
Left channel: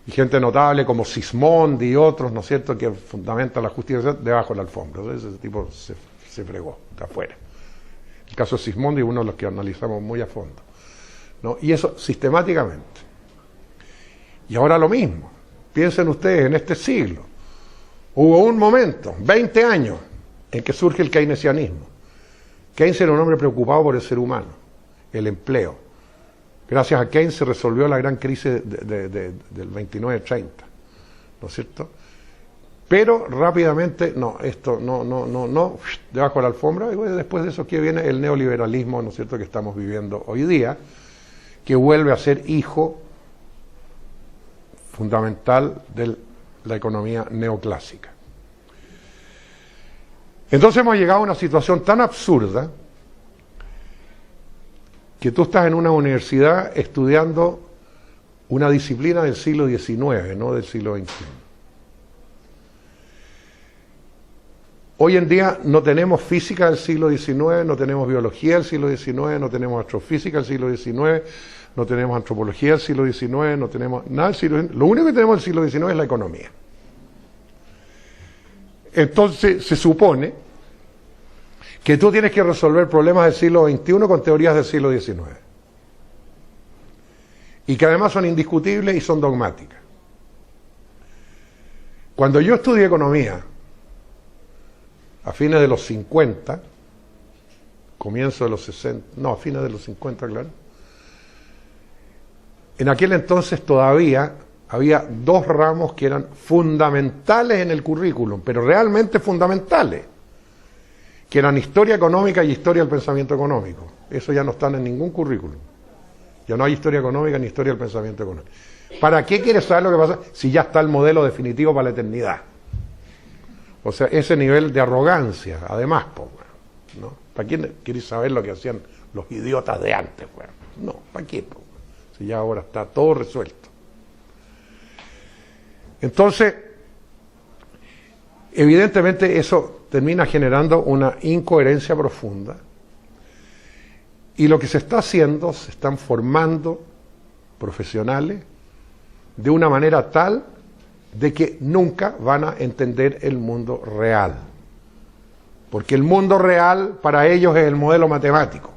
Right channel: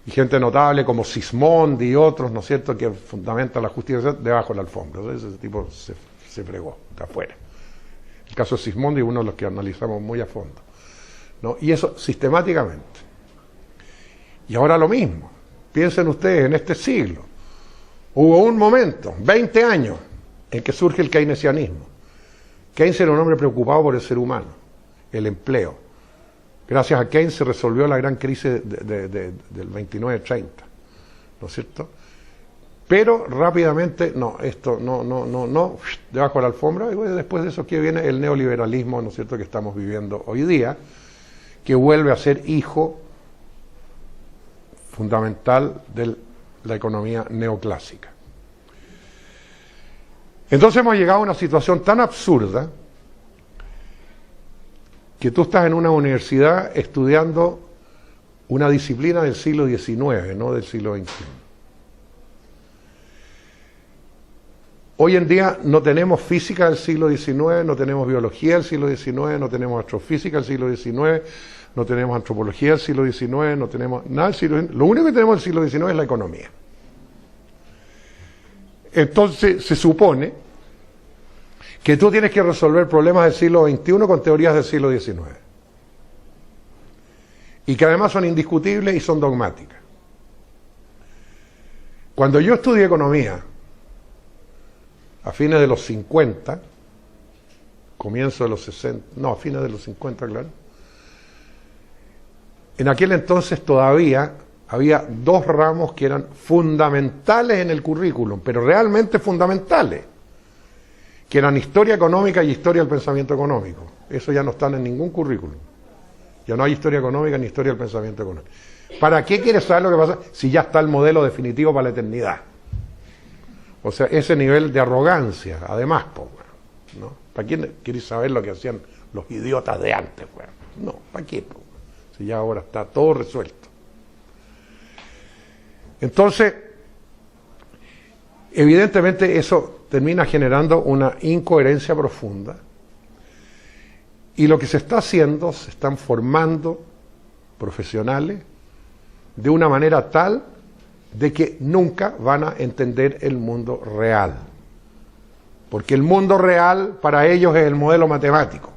Y gente notable como Sismondi y otros, ¿no es cierto?, que fundamentan la justicia debajo de la alfombra. Entonces ese tipo se fregó, está afuera. El caso de Sismondi es uno de los que analizamos muy a fondo, ¿no? Y eso sistemáticamente. Y ahora lo mismo. Piensen ustedes, en este siglo hubo un momento, 20 años, en que surge el keynesianismo. Keynes era un hombre preocupado por el ser humano, el empleo. Gracias a Keynes se resolvió la gran crisis del 29-30, ¿no es cierto? Pero rápidamente, no, esto no, debajo de la alfombra, y después de eso que viene el neoliberalismo, ¿no es cierto?, que estamos viviendo hoy día, que vuelve a ser hijo fundamental de la economía neoclásica. Entonces hemos llegado a una situación tan absurda que tú estás en una universidad estudiando una disciplina del siglo XIX, no del siglo XXI. Hoy en día no tenemos física del siglo XIX, no tenemos biología del siglo XIX, no tenemos astrofísica del siglo XIX, no tenemos antropología del siglo XIX, no tenemos nada del siglo XIX. Lo único que tenemos del siglo XIX es la economía. Entonces se supone que tú tienes que resolver problemas del siglo XXI con teorías del siglo XIX. Y que además son indiscutibles y son dogmáticas. Cuando yo estudié economía, a fines de los 50, comienzo de los 60, no, a fines de los 50, claro. En aquel entonces todavía había dos ramos que eran fundamentales en el currículum, pero realmente fundamentales, que eran historia económica y historia del pensamiento económico. Eso ya no están en ningún currículum. Ya no hay historia económica ni historia del pensamiento económico. ¿Para qué quieres saber lo que pasa si ya está el modelo definitivo para la eternidad? O sea, ese nivel de arrogancia, además, pues, ¿no? ¿Para quién querés saber lo que hacían los idiotas de antes? Bueno? No, ¿para qué? Pues, si ya ahora está todo resuelto. Entonces, evidentemente eso termina generando una incoherencia profunda. Y lo que se está haciendo, se están formando profesionales de una manera tal de que nunca van a entender el mundo real. Porque el mundo real para ellos es el modelo matemático.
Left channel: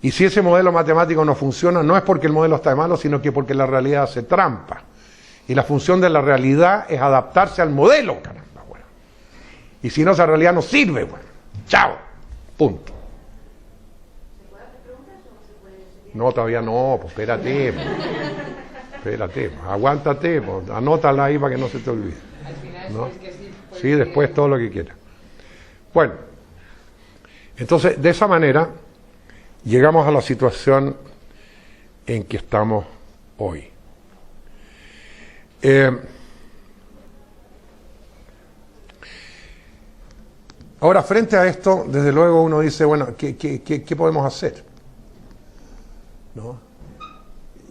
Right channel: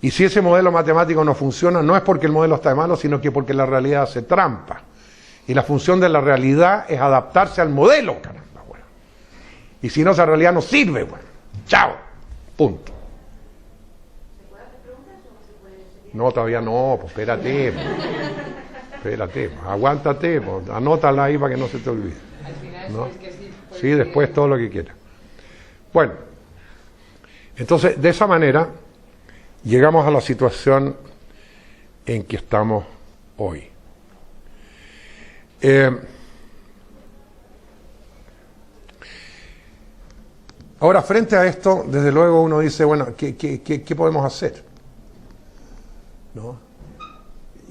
Y si ese modelo matemático no funciona, no es porque el modelo está malo, sino que porque la realidad hace trampa. Y la función de la realidad es adaptarse al modelo, caramba, bueno. Y si no, esa realidad no sirve, bueno. Chao. Punto. No, todavía no, pues espérate. Espérate, aguántate, pues, anótala ahí para que no se te olvide. ¿No? Sí, después todo lo que quieras. Bueno, entonces de esa manera llegamos a la situación en que estamos hoy. Ahora, frente a esto, desde luego uno dice, bueno, ¿qué podemos hacer? ¿No?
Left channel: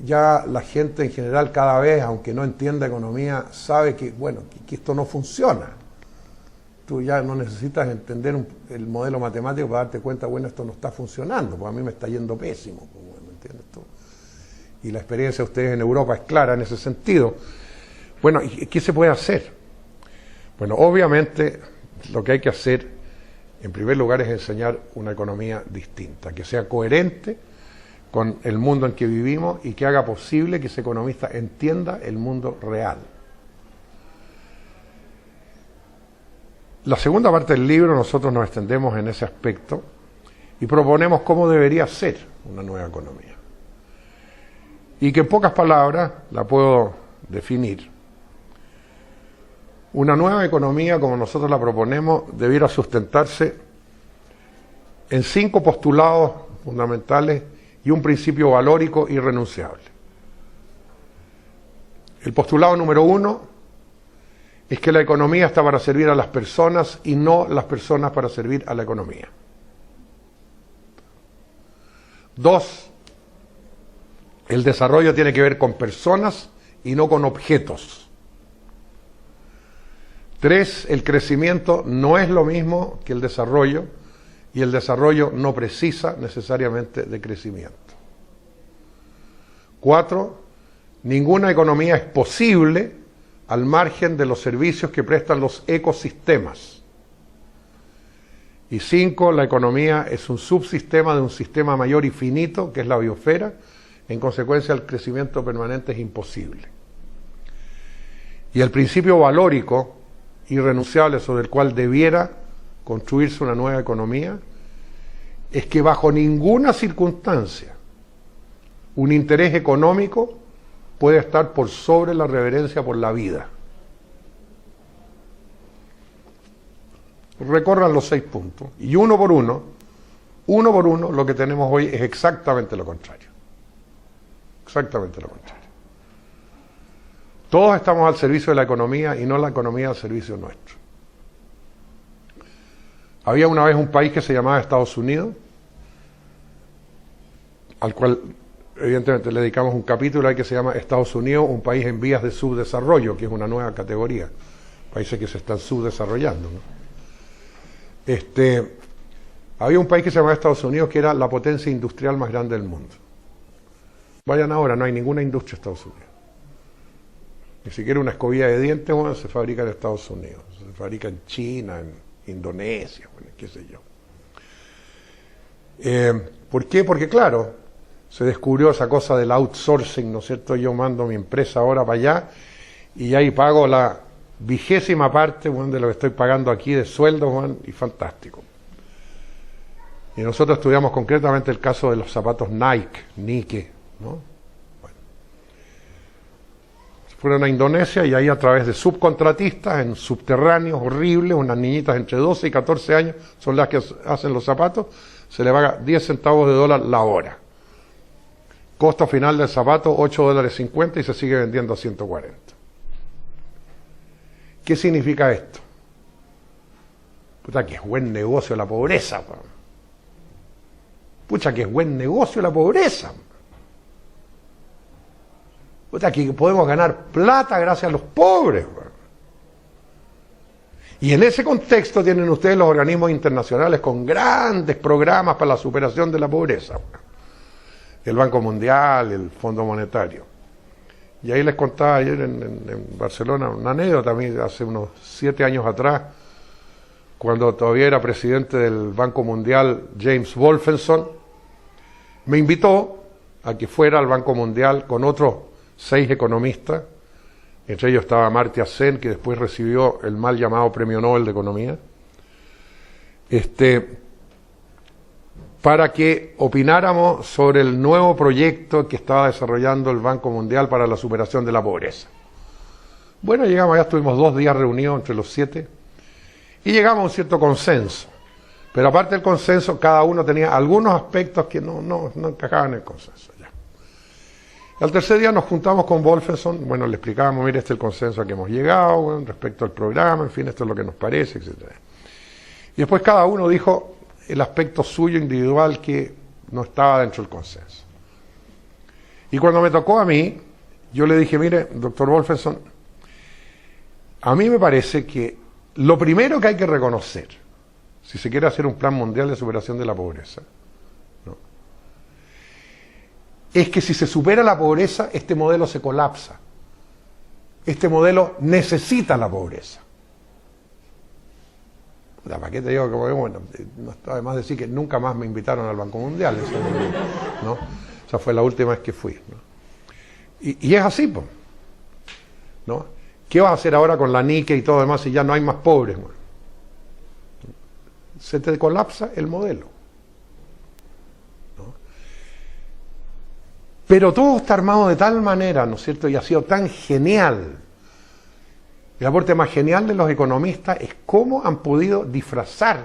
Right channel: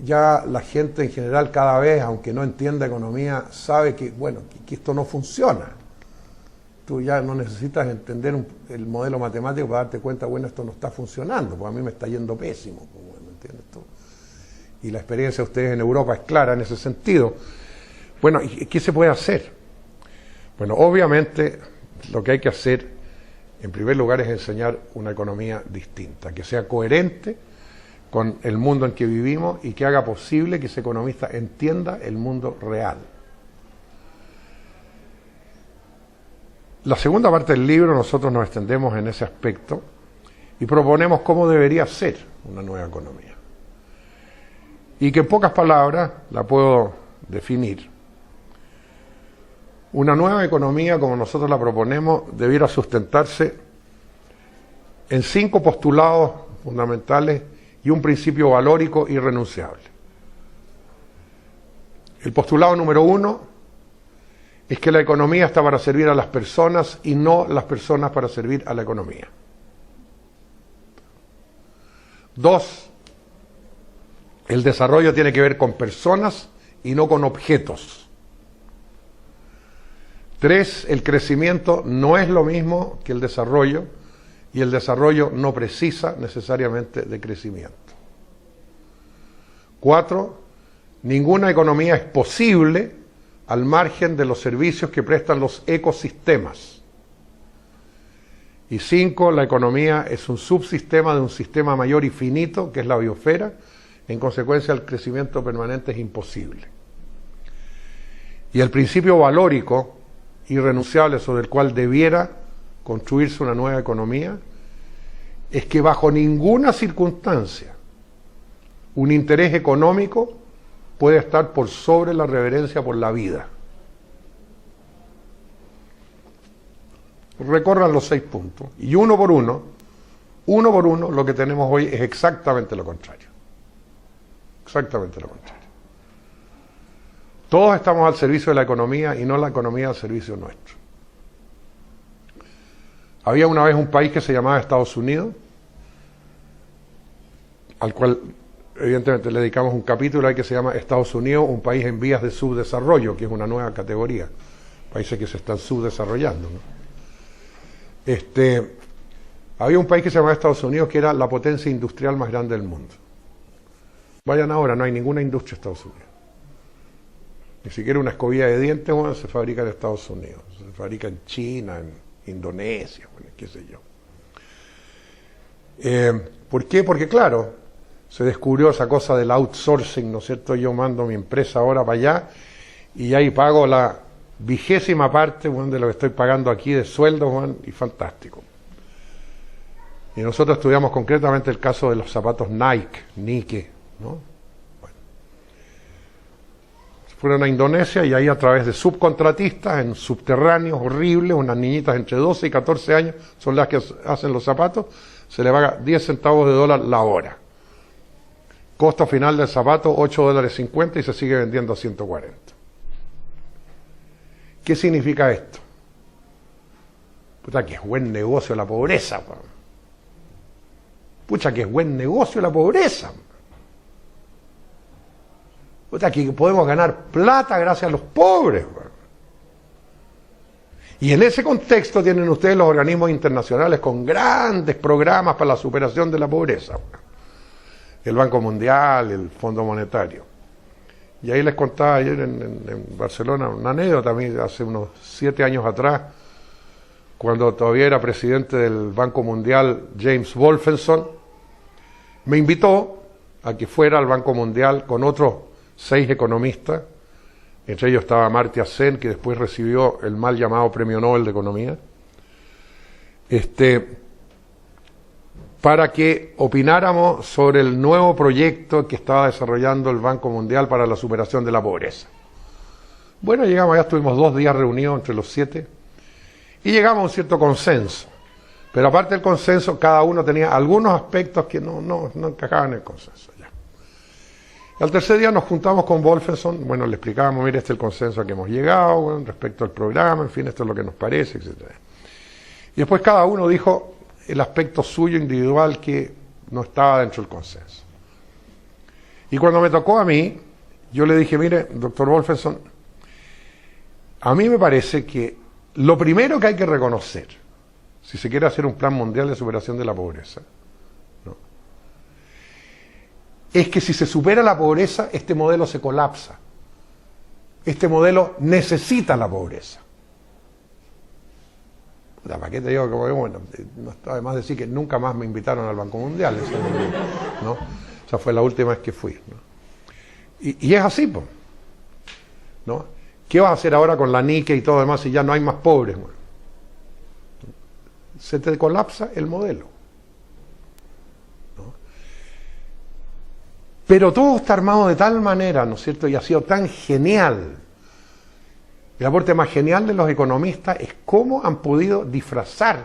Ya la gente en general cada vez, aunque no entienda economía, sabe que, bueno, que esto no funciona. Tú ya no necesitas entender el modelo matemático para darte cuenta, bueno, esto no está funcionando, pues a mí me está yendo pésimo. Pues, bueno, ¿entiendes tú? Y la experiencia de ustedes en Europa es clara en ese sentido. Bueno, ¿qué se puede hacer? Bueno, obviamente lo que hay que hacer, en primer lugar, es enseñar una economía distinta, que sea coherente con el mundo en que vivimos y que haga posible que ese economista entienda el mundo real. La segunda parte del libro nosotros nos extendemos en ese aspecto y proponemos cómo debería ser una nueva economía. Y que en pocas palabras la puedo definir. Una nueva economía, como nosotros la proponemos, debiera sustentarse en 5 postulados fundamentales y un principio valórico irrenunciable. El postulado número 1 es que la economía está para servir a las personas y no las personas para servir a la economía. 2, el desarrollo tiene que ver con personas y no con objetos. 3, el crecimiento no es lo mismo que el desarrollo y el desarrollo no precisa necesariamente de crecimiento. 4, ninguna economía es posible al margen de los servicios que prestan los ecosistemas. Y 5, la economía es un subsistema de un sistema mayor y finito, que es la biosfera. En consecuencia, el crecimiento permanente es imposible. Y el principio valórico irrenunciable sobre el cual debiera construirse una nueva economía es que bajo ninguna circunstancia un interés económico puede estar por sobre la reverencia por la vida. Recorran los 6 puntos y uno por uno lo que tenemos hoy es exactamente lo contrario. Exactamente lo contrario. Todos estamos al servicio de la economía y no la economía al servicio nuestro. Había una vez un país que se llamaba Estados Unidos al cual evidentemente le dedicamos un capítulo ahí que se llama Estados Unidos, un país en vías de subdesarrollo, que es una nueva categoría, países que se están subdesarrollando, ¿no? Había un país que se llamaba Estados Unidos que era la potencia industrial más grande del mundo. Vayan ahora, no hay ninguna industria en Estados Unidos. Ni siquiera una escobilla de dientes, bueno, se fabrica en Estados Unidos, se fabrica en China, en Indonesia, bueno, qué sé yo. ¿Por qué? Porque claro, se descubrió esa cosa del outsourcing, ¿no es cierto? Yo mando mi empresa ahora para allá y ahí pago la 20ª parte, bueno, de lo que estoy pagando aquí de sueldo, bueno, y fantástico. Y nosotros estudiamos concretamente el caso de los zapatos Nike, ¿no? Bueno. Fueron a Indonesia y ahí a través de subcontratistas en subterráneos horribles, unas niñitas entre 12 y 14 años son las que hacen los zapatos, se le paga 10 centavos de dólar la hora. Costo final del zapato $8.50 y se sigue vendiendo a 140. ¿Qué significa esto? Puta, que es buen negocio la pobreza. Pucha, que es buen negocio la pobreza. Puta, que podemos ganar plata gracias a los pobres. Y en ese contexto tienen ustedes los organismos internacionales con grandes programas para la superación de la pobreza. El Banco Mundial, el Fondo Monetario. Y ahí les contaba ayer en Barcelona una anécdota, también hace unos 7 años atrás, cuando todavía era presidente del Banco Mundial James Wolfenson, me invitó a que fuera al Banco Mundial con otros 6 economistas, entre ellos estaba Amartya Sen, que después recibió el mal llamado Premio Nobel de Economía, para que opináramos sobre el nuevo proyecto que estaba desarrollando el Banco Mundial para la superación de la pobreza. Bueno, llegamos, ya estuvimos 2 días reunidos entre los 7 y llegamos a un cierto consenso. Pero aparte del consenso, cada uno tenía algunos aspectos que no encajaban en el consenso. Ya. Al tercer día nos juntamos con Wolfenson, bueno, le explicábamos, mire, este es el consenso a que hemos llegado, bueno, respecto al programa, en fin, esto es lo que nos parece, etc. Y después cada uno dijo el aspecto suyo individual que no estaba dentro del consenso. Y cuando me tocó a mí, yo le dije, mire, doctor Wolfenson, a mí me parece que lo primero que hay que reconocer, si se quiere hacer un plan mundial de superación de la pobreza, ¿no?, es que si se supera la pobreza, este modelo se colapsa. Este modelo necesita la pobreza. ¿Para qué te digo que bueno, no está de más decir que nunca más me invitaron al Banco Mundial, ¿no? Esa fue la última vez que fui, ¿no? Y es así, pues, ¿no? ¿Qué vas a hacer ahora con la Nike y todo demás si ya no hay más pobres? Bueno, se te colapsa el modelo, ¿no? Pero todo está armado de tal manera, ¿no es cierto? Y ha sido tan genial. El aporte más genial de los economistas es cómo han podido disfrazar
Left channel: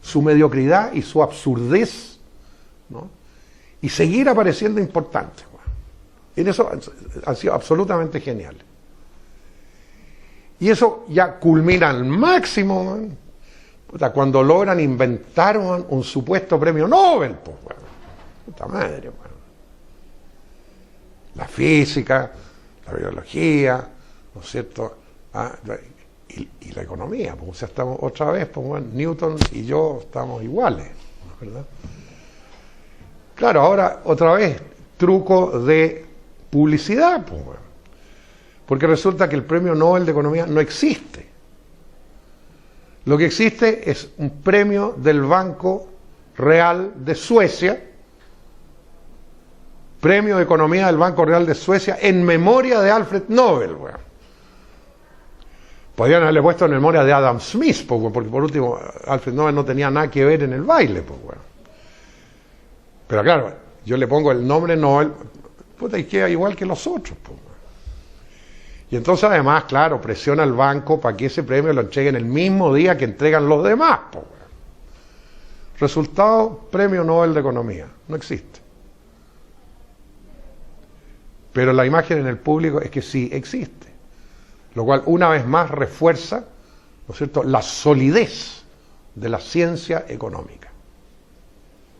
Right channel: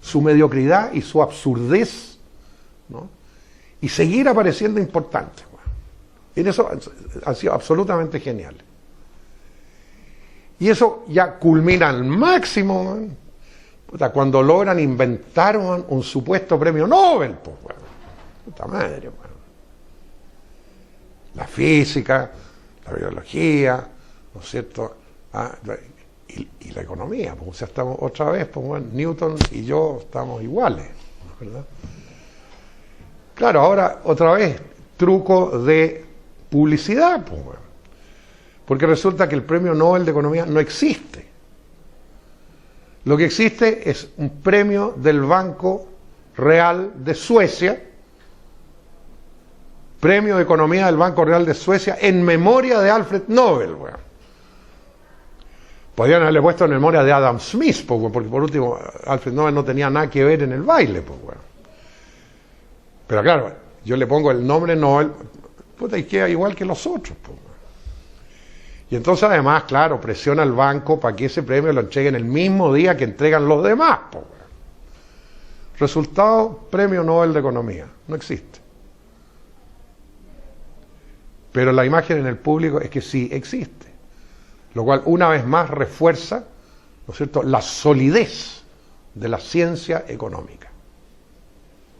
su mediocridad y su absurdez, ¿no?, y seguir apareciendo importantes. Bueno. Y en eso han sido absolutamente geniales. Y eso ya culmina al máximo, ¿no?, cuando logran inventar un supuesto premio Nobel. Pues, bueno. Puta madre, bueno. La física, la biología, ¿no es cierto?, y la economía, pues, o sea, estamos otra vez, pues, bueno, Newton y yo estamos iguales, ¿verdad? Claro, ahora otra vez truco de publicidad, pues, bueno, porque resulta que el premio Nobel de Economía no existe. Lo que existe es un premio del Banco Real de Suecia, premio de Economía del Banco Real de Suecia en memoria de Alfred Nobel, bueno. Podrían haberle puesto en memoria de Adam Smith, porque por último Alfred Nobel no tenía nada que ver en el baile, pues, bueno. Pero claro, yo le pongo el nombre Nobel, puta, y queda igual que los otros, pues. Y entonces además, claro, presiona al banco para que ese premio lo entreguen el mismo día que entregan los demás, pues. Resultado, premio Nobel de Economía, no existe. Pero la imagen en el público es que sí existe. Lo cual una vez más refuerza, ¿no es cierto?, la solidez de la ciencia económica.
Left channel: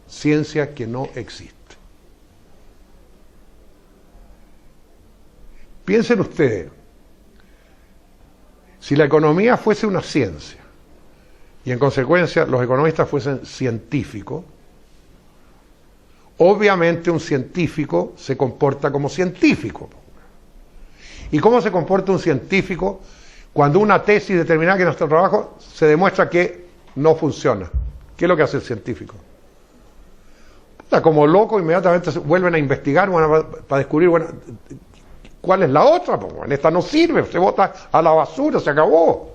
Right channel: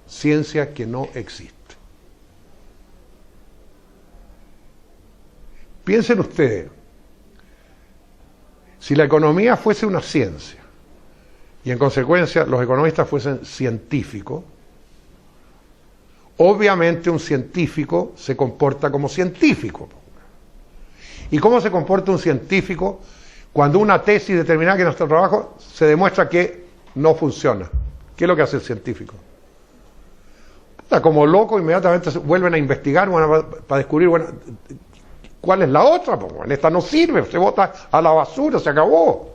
Ciencia que no existe. Piensen ustedes, si la economía fuese una ciencia, y en consecuencia los economistas fuesen científicos, obviamente un científico se comporta como científico. ¿Y cómo se comporta un científico cuando una tesis determinada que nuestro trabajo se demuestra que no funciona? ¿Qué es lo que hace el científico? Como loco, inmediatamente vuelven a investigar para descubrir, bueno, ¿cuál es la otra? Pues, bueno, esta no sirve, se bota a la basura, se acabó.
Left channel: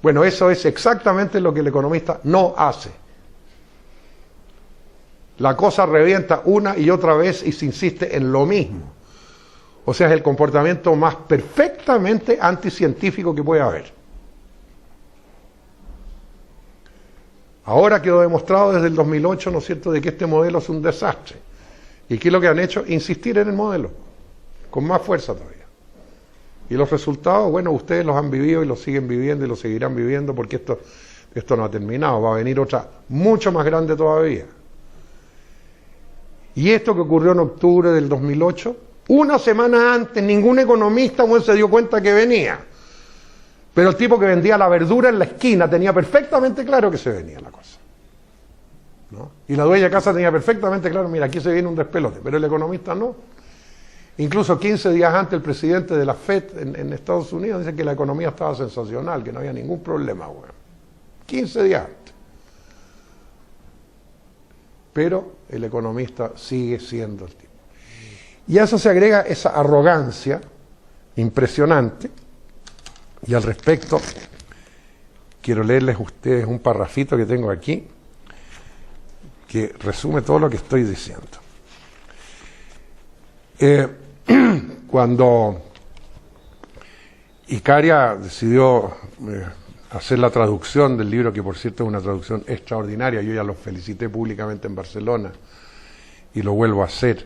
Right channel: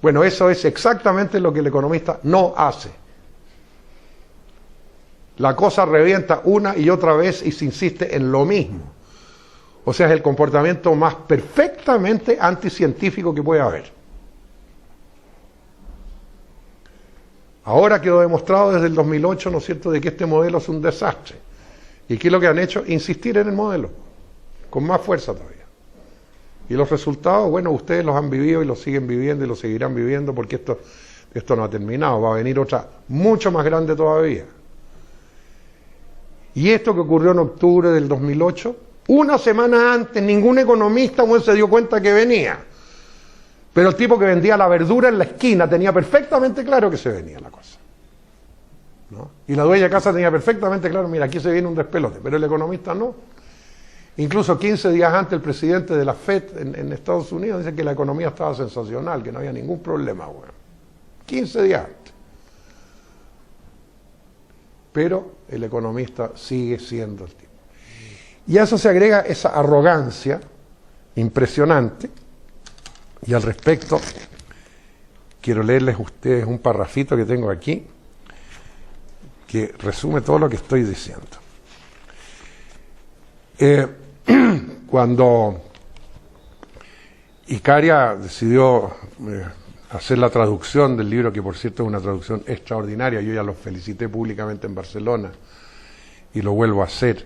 Bueno, eso es exactamente lo que el economista no hace. La cosa revienta una y otra vez y se insiste en lo mismo. O sea, es el comportamiento más perfectamente anticientífico que puede haber. Ahora quedó demostrado desde el 2008, ¿no es cierto?, de que este modelo es un desastre. ¿Y qué es lo que han hecho? Insistir en el modelo, con más fuerza todavía. Y los resultados, bueno, ustedes los han vivido y los siguen viviendo y los seguirán viviendo porque esto no ha terminado, va a venir otra mucho más grande todavía. Y esto que ocurrió en octubre del 2008, una semana antes, ningún economista se dio cuenta que venía. Pero el tipo que vendía la verdura en la esquina tenía perfectamente claro que se venía la cosa, ¿no? Y la dueña de casa tenía perfectamente claro, mira, aquí se viene un despelote, pero el economista no. Incluso 15 días antes el presidente de la FED en Estados Unidos dice que la economía estaba sensacional, que no había ningún problema, bueno. 15 días antes. Pero el economista sigue siendo el tipo. Y a eso se agrega esa arrogancia impresionante. Y al respecto, quiero leerles a ustedes un parrafito que tengo aquí, que resume todo lo que estoy diciendo. Cuando Icaria decidió hacer la traducción del libro, que por cierto es una traducción extraordinaria, yo ya lo felicité públicamente en Barcelona y lo vuelvo a hacer,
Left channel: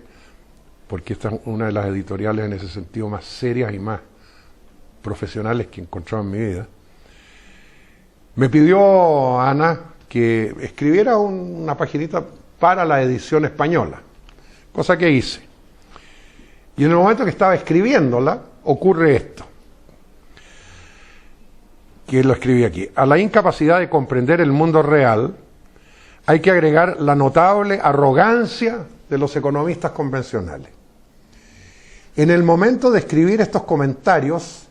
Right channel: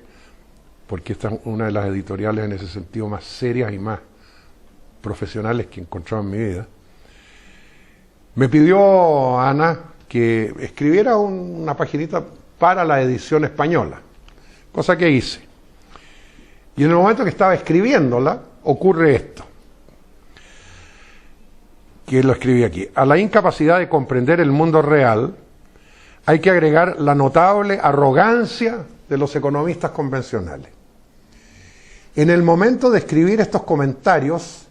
porque esta es una de las editoriales en ese sentido más serias y más profesionales que he encontrado en mi vida. Me pidió Ana que escribiera una paginita para la edición española, cosa que hice. Y en el momento que estaba escribiéndola, ocurre esto, que lo escribí aquí. A la incapacidad de comprender el mundo real hay que agregar la notable arrogancia de los economistas convencionales. En el momento de escribir estos comentarios,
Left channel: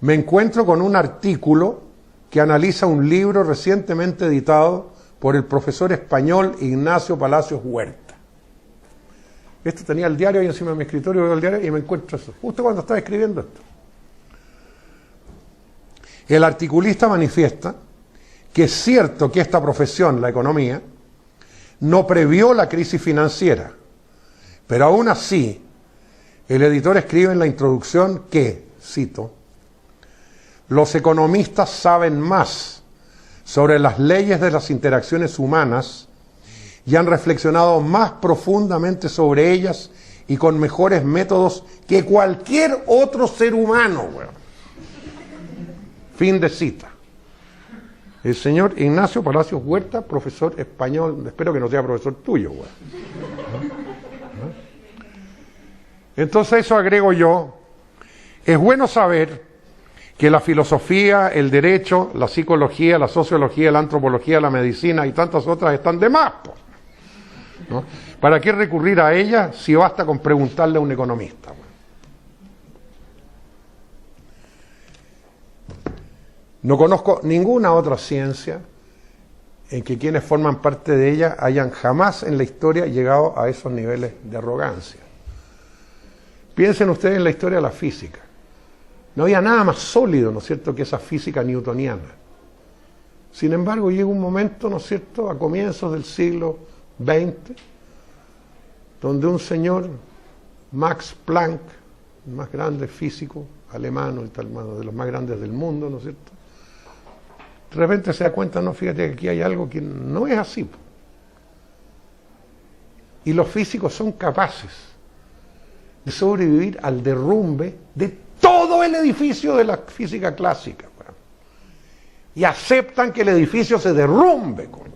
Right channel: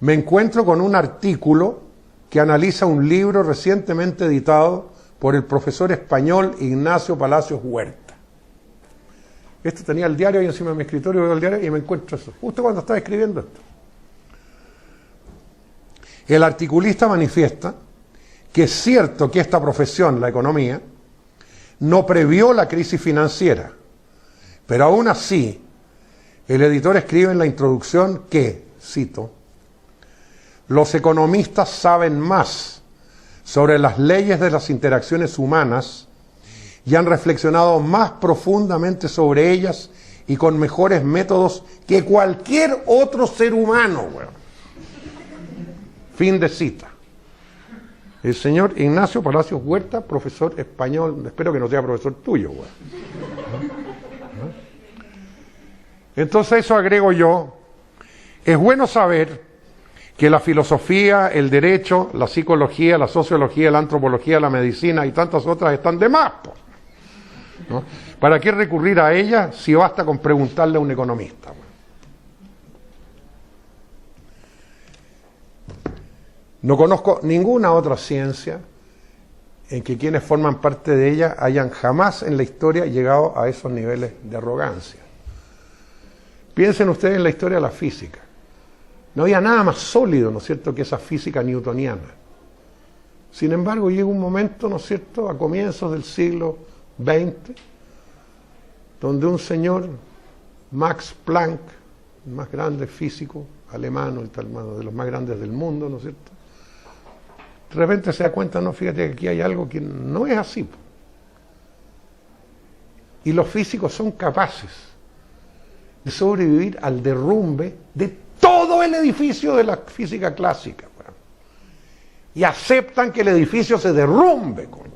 me encuentro con un artículo que analiza un libro recientemente editado por el profesor español Ignacio Palacios Huerta. Esto tenía el diario ahí encima de mi escritorio, veo el diario y me encuentro eso, justo cuando estaba escribiendo esto. El articulista manifiesta que es cierto que esta profesión, la economía, no previó la crisis financiera, pero aún así, el editor escribe en la introducción que, cito, los economistas saben más sobre las leyes de las interacciones humanas y han reflexionado más profundamente sobre ellas y con mejores métodos que cualquier otro ser humano. Bueno. Fin de cita. El señor Ignacio Palacios Huerta, profesor español, espero que no sea profesor tuyo. Bueno. Entonces eso agrego yo. Es bueno saber que la filosofía, el derecho, la psicología, la sociología, la antropología, la medicina y tantas otras están de más, ¿no? ¿Para qué recurrir a ellas si basta con preguntarle a un economista? No conozco ninguna otra ciencia en que quienes forman parte de ella hayan jamás en la historia llegado a esos niveles de arrogancia. Piensen ustedes en la historia de la física. No había nada más sólido, ¿no es cierto?, que esa física newtoniana. Sin embargo, llega un momento, ¿no es cierto?, a comienzos del siglo XX, donde un señor, Max Planck, el más grande físico alemán, de los más grandes del mundo, ¿no es cierto?, de repente se da cuenta, no, fíjate que aquí hay algo que no es así. Y los físicos son capaces de sobrevivir al derrumbe de todo el edificio de la física clásica. Y aceptan que el edificio se derrumbe, coño.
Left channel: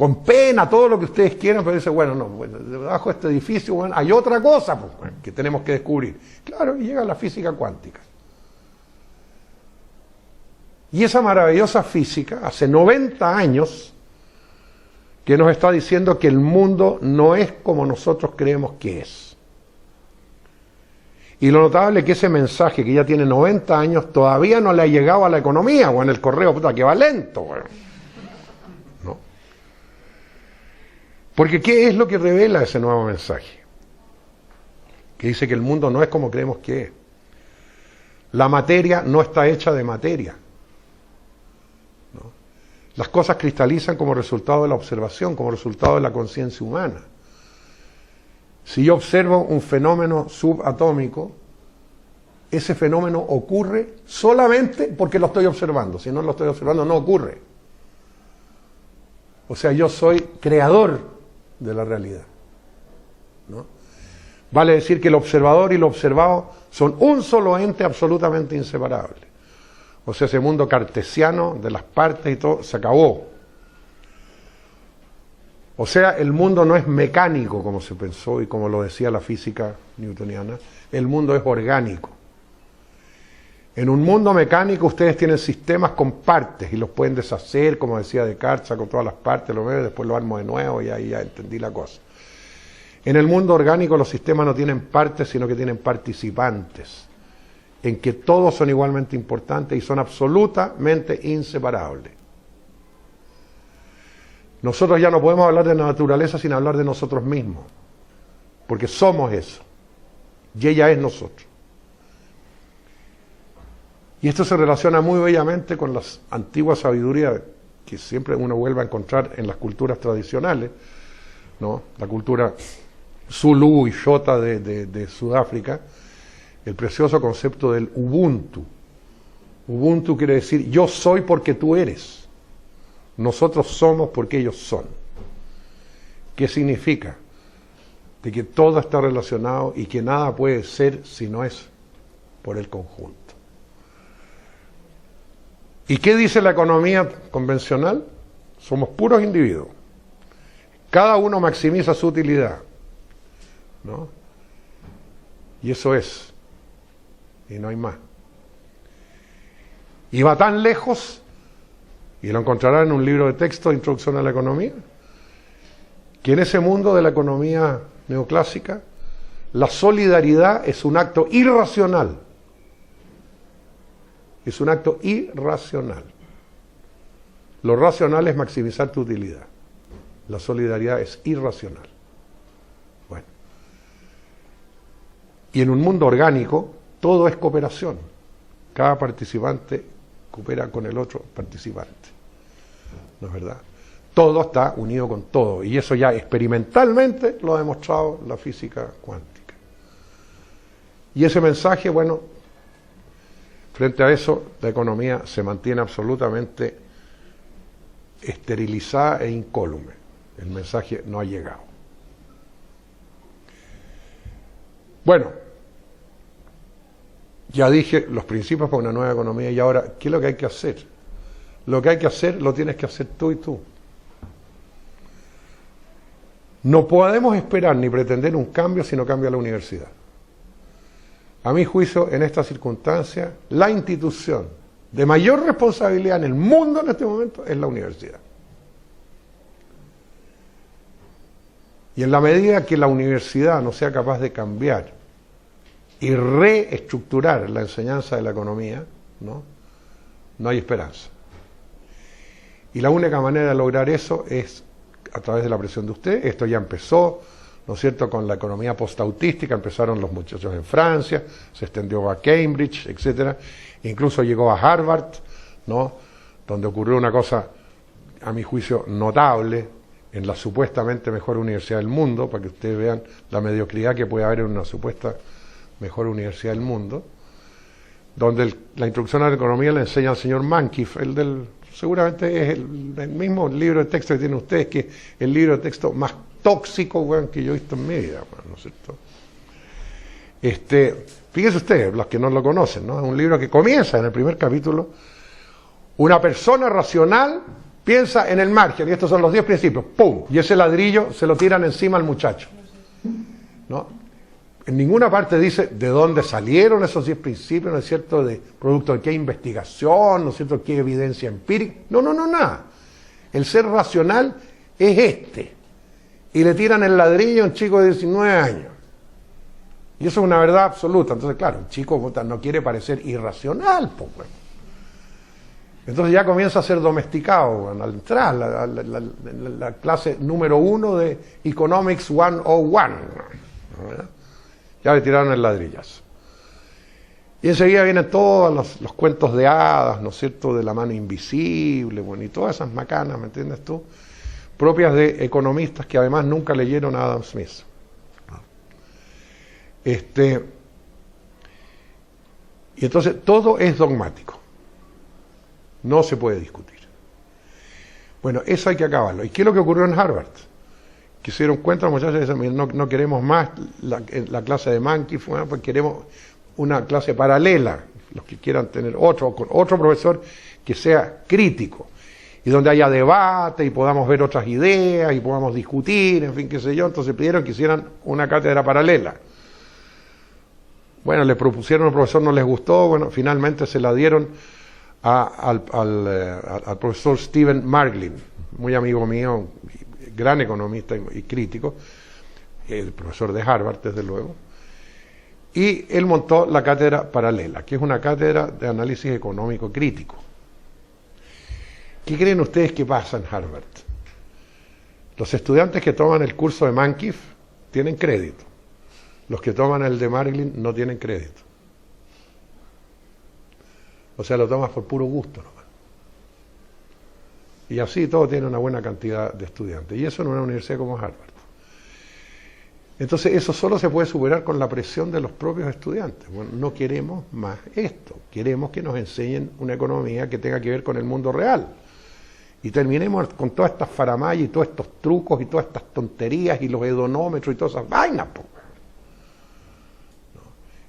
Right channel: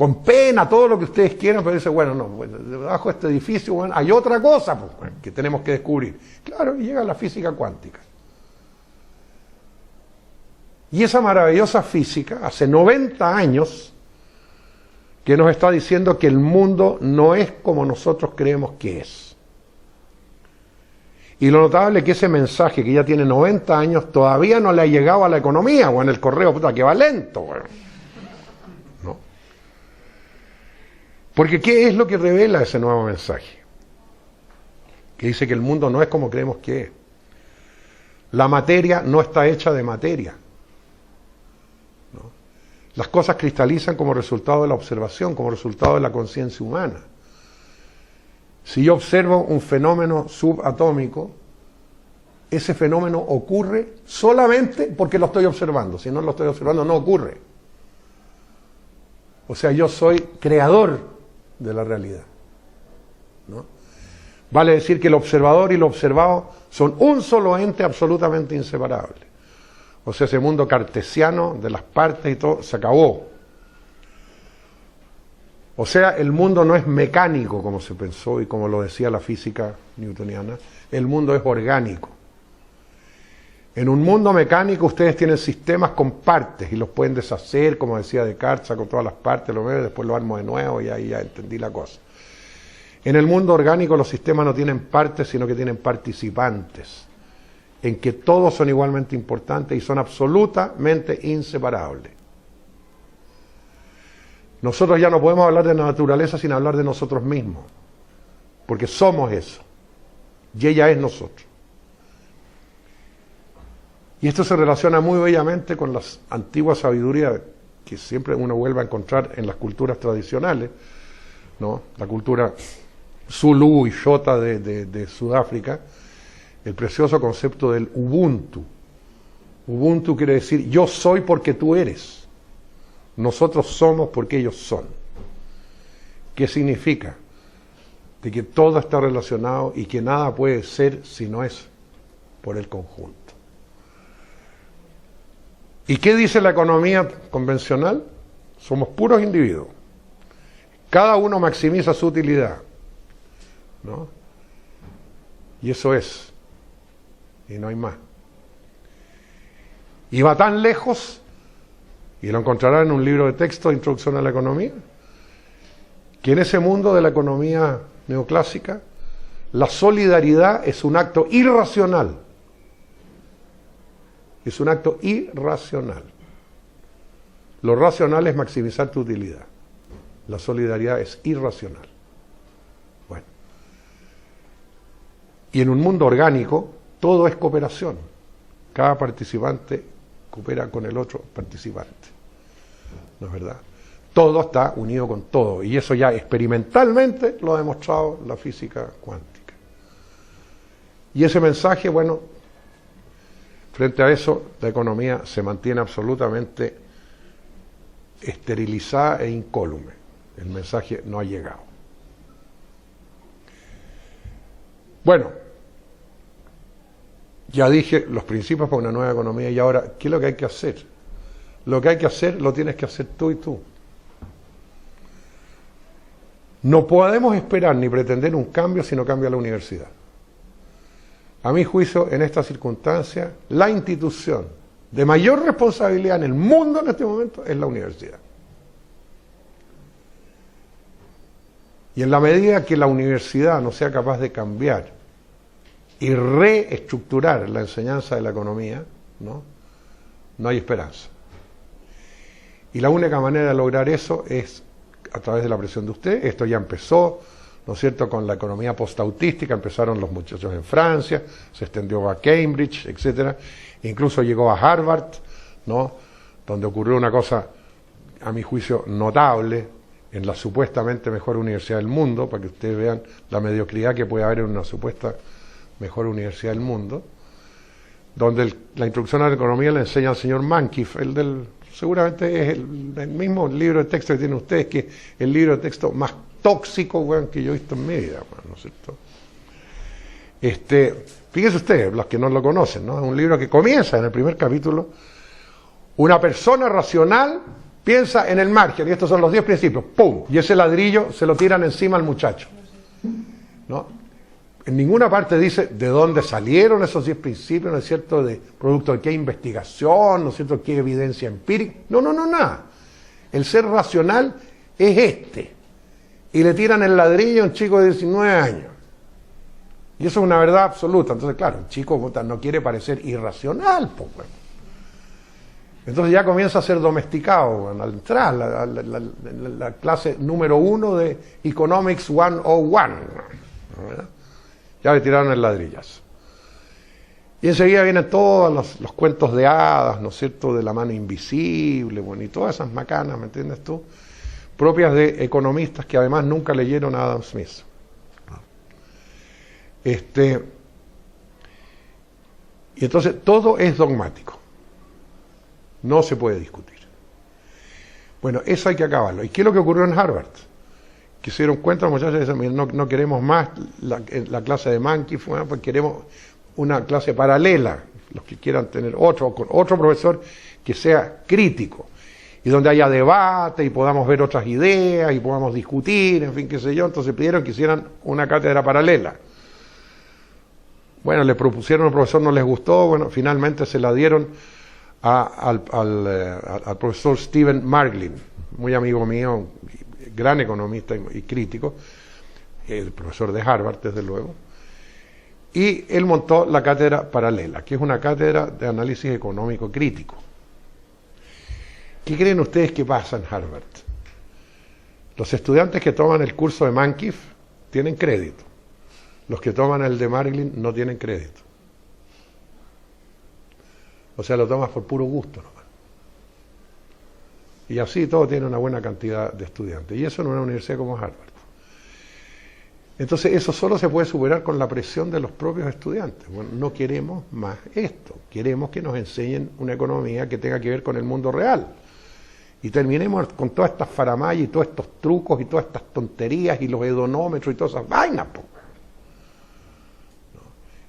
con pena, todo lo que ustedes quieran, pero dice, bueno, no, bueno, debajo de este edificio, bueno, hay otra cosa pues, bueno, que tenemos que descubrir. Claro, y llega la física cuántica. Y esa maravillosa física, hace 90 años, que nos está diciendo que el mundo no es como nosotros creemos que es. Y lo notable es que ese mensaje, que ya tiene 90 años, todavía no le ha llegado a la economía, o en el correo, puta, que va lento, bueno. ¿No? Porque ¿qué es lo que revela ese nuevo mensaje? Que dice que el mundo no es como creemos que es. La materia no está hecha de materia. Las cosas cristalizan como resultado de la observación, como resultado de la conciencia humana. Si yo observo un fenómeno subatómico, ese fenómeno ocurre solamente porque lo estoy observando. Si no lo estoy observando, no ocurre. O sea, yo soy creador de la realidad, ¿no? Vale decir que el observador y lo observado son un solo ente absolutamente inseparable. O sea, ese mundo cartesiano de las partes y todo, se acabó. O sea, el mundo no es mecánico como se pensó y como lo decía la física newtoniana, el mundo es orgánico. En un mundo mecánico ustedes tienen sistemas con partes y los pueden deshacer, como decía Descartes, con todas las partes, lo veo, después lo armo de nuevo y ahí ya entendí la cosa. En el mundo orgánico los sistemas no tienen partes, sino que tienen participantes, en que todos son igualmente importantes y son absolutamente inseparables. Nosotros ya no podemos hablar de la naturaleza sin hablar de nosotros mismos, porque somos eso, y ella es nosotros. Y esto se relaciona muy bellamente con la antigua sabiduría que siempre uno vuelve a encontrar en las culturas tradicionales, ¿no? La cultura Zulu y Xhosa de Sudáfrica, el precioso concepto del Ubuntu. Ubuntu quiere decir yo soy porque tú eres. Nosotros somos porque ellos son. ¿Qué significa? De que todo está relacionado y que nada puede ser si no es por el conjunto. ¿Y qué dice la economía convencional? Somos puros individuos. Cada uno maximiza su utilidad, ¿no? Y eso es. Y no hay más. Y va tan lejos, y lo encontrará en un libro de texto, Introducción a la Economía, que en ese mundo de la economía neoclásica, la solidaridad es un acto irracional. Es un acto irracional. Lo racional es maximizar tu utilidad. La solidaridad es irracional. Bueno. Y en un mundo orgánico, todo es cooperación. Cada participante coopera con el otro participante. ¿No es verdad? Todo está unido con todo. Y eso ya experimentalmente lo ha demostrado la física cuántica. Y ese mensaje, bueno, frente a eso, la economía se mantiene absolutamente esterilizada e incólume. El mensaje no ha llegado. Bueno, ya dije los principios para una nueva economía y ahora, ¿qué es lo que hay que hacer? Lo que hay que hacer lo tienes que hacer tú y tú. No podemos esperar ni pretender un cambio si no cambia la universidad. A mi juicio, en esta circunstancia, la institución de mayor responsabilidad en el mundo en este momento es la universidad. Y en la medida que la universidad no sea capaz de cambiar y reestructurar la enseñanza de la economía, no hay esperanza. Y la única manera de lograr eso es a través de la presión de usted. Esto ya empezó, ¿no es cierto?, con la economía postautística. Empezaron los muchachos en Francia, se extendió a Cambridge, etcétera, incluso llegó a Harvard, ¿no?, donde ocurrió una cosa, a mi juicio, notable, en la supuestamente mejor universidad del mundo, para que ustedes vean la mediocridad que puede haber en una supuesta mejor universidad del mundo, donde la introducción a la economía le enseña al señor Mankiw, seguramente es el mismo libro de texto que tienen ustedes, que es el libro de texto más tóxico, que yo he visto en mi vida, ¿no es cierto? Fíjense ustedes, los que no lo conocen, ¿no? Es un libro que comienza en el primer capítulo: una persona racional piensa en el margen, y estos son los 10 principios, ¡pum! Y ese ladrillo se lo tiran encima al muchacho, ¿no? En ninguna parte dice de dónde salieron esos 10 principios, ¿no es cierto?, de producto de qué investigación, ¿no es cierto?, qué evidencia empírica. No, nada. El ser racional es este. Y le tiran el ladrillo a un chico de 19 años. Y eso es una verdad absoluta. Entonces, claro, el chico no quiere parecer irracional, pues. Entonces ya comienza a ser domesticado al entrar la clase número 1 de Economics 101. Ya le tiraron el ladrillazo. Y enseguida vienen todos los cuentos de hadas, ¿no es cierto?, de la mano invisible, bueno, y todas esas macanas, ¿me entiendes tú?, propias de economistas que además nunca leyeron a Adam Smith. Y entonces todo es dogmático. No se puede discutir. Bueno, eso hay que acabarlo. ¿Y qué es lo que ocurrió en Harvard? Que se dieron cuenta los muchachos que no queremos más la clase de Mankiw, pues queremos una clase paralela, los que quieran tener con otro profesor que sea crítico, y donde haya debate y podamos ver otras ideas y podamos discutir, en fin, qué sé yo. Entonces pidieron que hicieran una cátedra paralela. Bueno, le propusieron al profesor, no les gustó, bueno, finalmente se la dieron al profesor Stephen Marglin, muy amigo mío, gran economista y crítico, el profesor de Harvard, desde luego, y él montó la cátedra paralela, que es una cátedra de análisis económico crítico. ¿Qué creen ustedes que pasa en Harvard? Los estudiantes que toman el curso de Mankiw tienen crédito. Los que toman el de Marglin no tienen crédito. O sea, lo tomas por puro gusto nomás. Y así todo tiene una buena cantidad de estudiantes. Y eso en una universidad como Harvard. Entonces eso solo se puede superar con la presión de los propios estudiantes. Bueno, no queremos más esto. Queremos que nos enseñen una economía que tenga que ver con el mundo real. Y terminemos con todas estas faramayas y todos estos trucos y todas estas tonterías y los hedonómetros y todas esas vainas.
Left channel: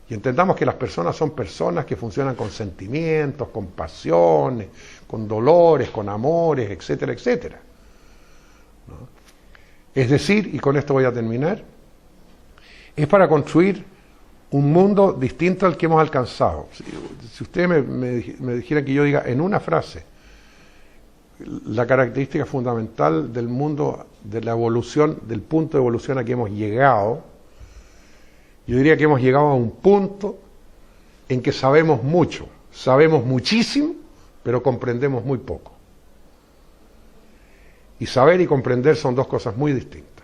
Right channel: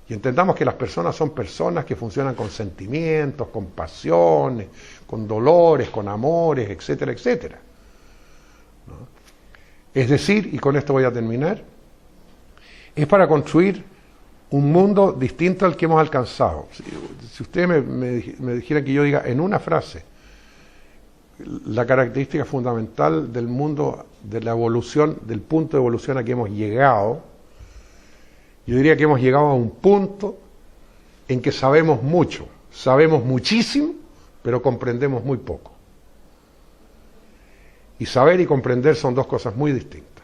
Y entendamos que las personas son personas que funcionan con sentimientos, con pasiones, con dolores, con amores, etcétera, etcétera. ¿No? Es decir, y con esto voy a terminar, es para construir un mundo distinto al que hemos alcanzado. Si ustedes me dijeran que yo diga en una frase la característica fundamental del mundo, de la evolución, del punto de evolución a que hemos llegado, yo diría que hemos llegado a un punto en que sabemos mucho, sabemos muchísimo, pero comprendemos muy poco. Y saber y comprender son dos cosas muy distintas.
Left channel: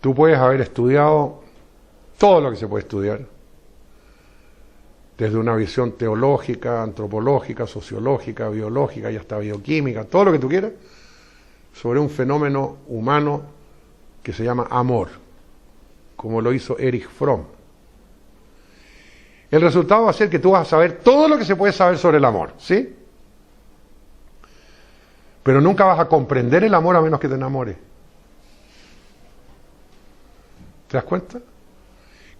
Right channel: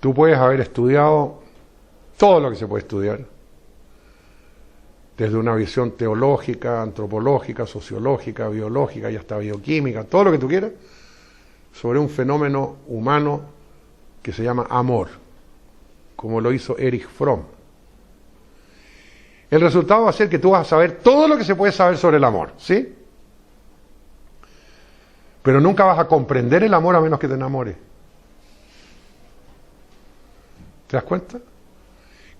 Tú puedes haber estudiado todo lo que se puede estudiar, desde una visión teológica, antropológica, sociológica, biológica y hasta bioquímica, todo lo que tú quieras, sobre un fenómeno humano que se llama amor, como lo hizo Erich Fromm. El resultado va a ser que tú vas a saber todo lo que se puede saber sobre el amor, ¿sí? Pero nunca vas a comprender el amor a menos que te enamores. ¿Te das cuenta?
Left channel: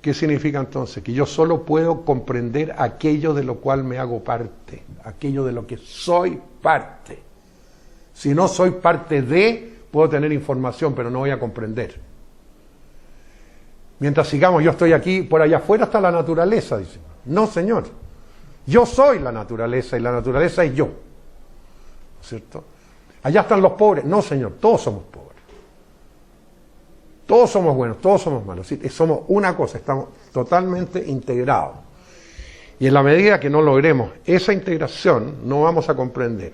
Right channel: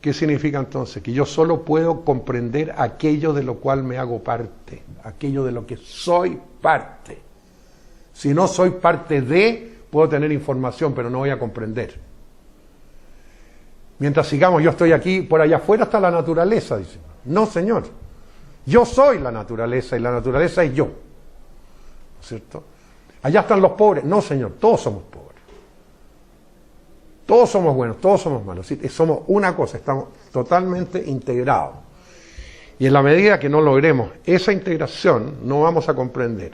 ¿Qué significa entonces? Que yo solo puedo comprender aquello de lo cual me hago parte, aquello de lo que soy parte. Si no soy parte de, puedo tener información, pero no voy a comprender. Mientras sigamos, yo estoy aquí, por allá afuera está la naturaleza, dice. No, señor. Yo soy la naturaleza y la naturaleza es yo. ¿Cierto? Allá están los pobres. No, señor, todos somos pobres. Todos somos buenos, todos somos malos. ¿Sí? Somos una cosa, estamos totalmente integrados. Y en la medida que no logremos esa integración, no vamos a comprender.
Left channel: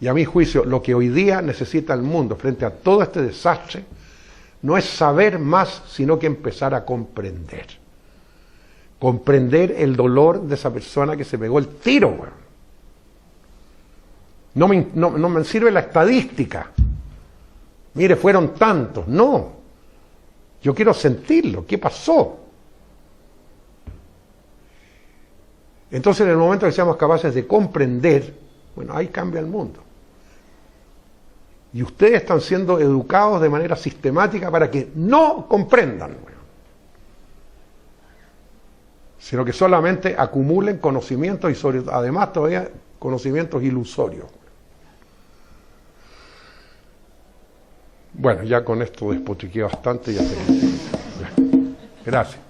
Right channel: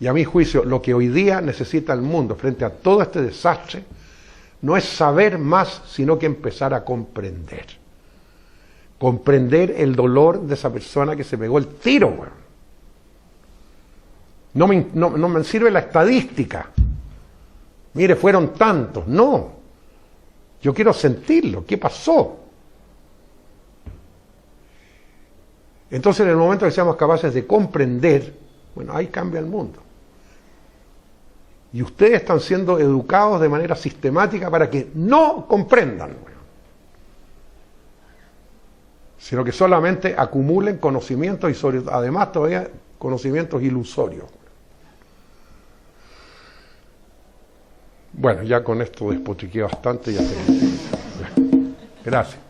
Y a mi juicio, lo que hoy día necesita el mundo frente a todo este desastre, no es saber más, sino que empezar a comprender. Comprender el dolor de esa persona que se pegó el tiro, bueno. No me sirve la estadística. Mire, fueron tantos. No. Yo quiero sentirlo. ¿Qué pasó? Entonces, en el momento que seamos capaces de comprender, bueno, ahí cambia el mundo. Y ustedes están siendo educados de manera sistemática para que no comprendan, bueno, sino que solamente acumulen conocimientos y además todavía conocimientos ilusorios. Bueno, ya con esto despotriqué bastante. Ya sé. Gracias.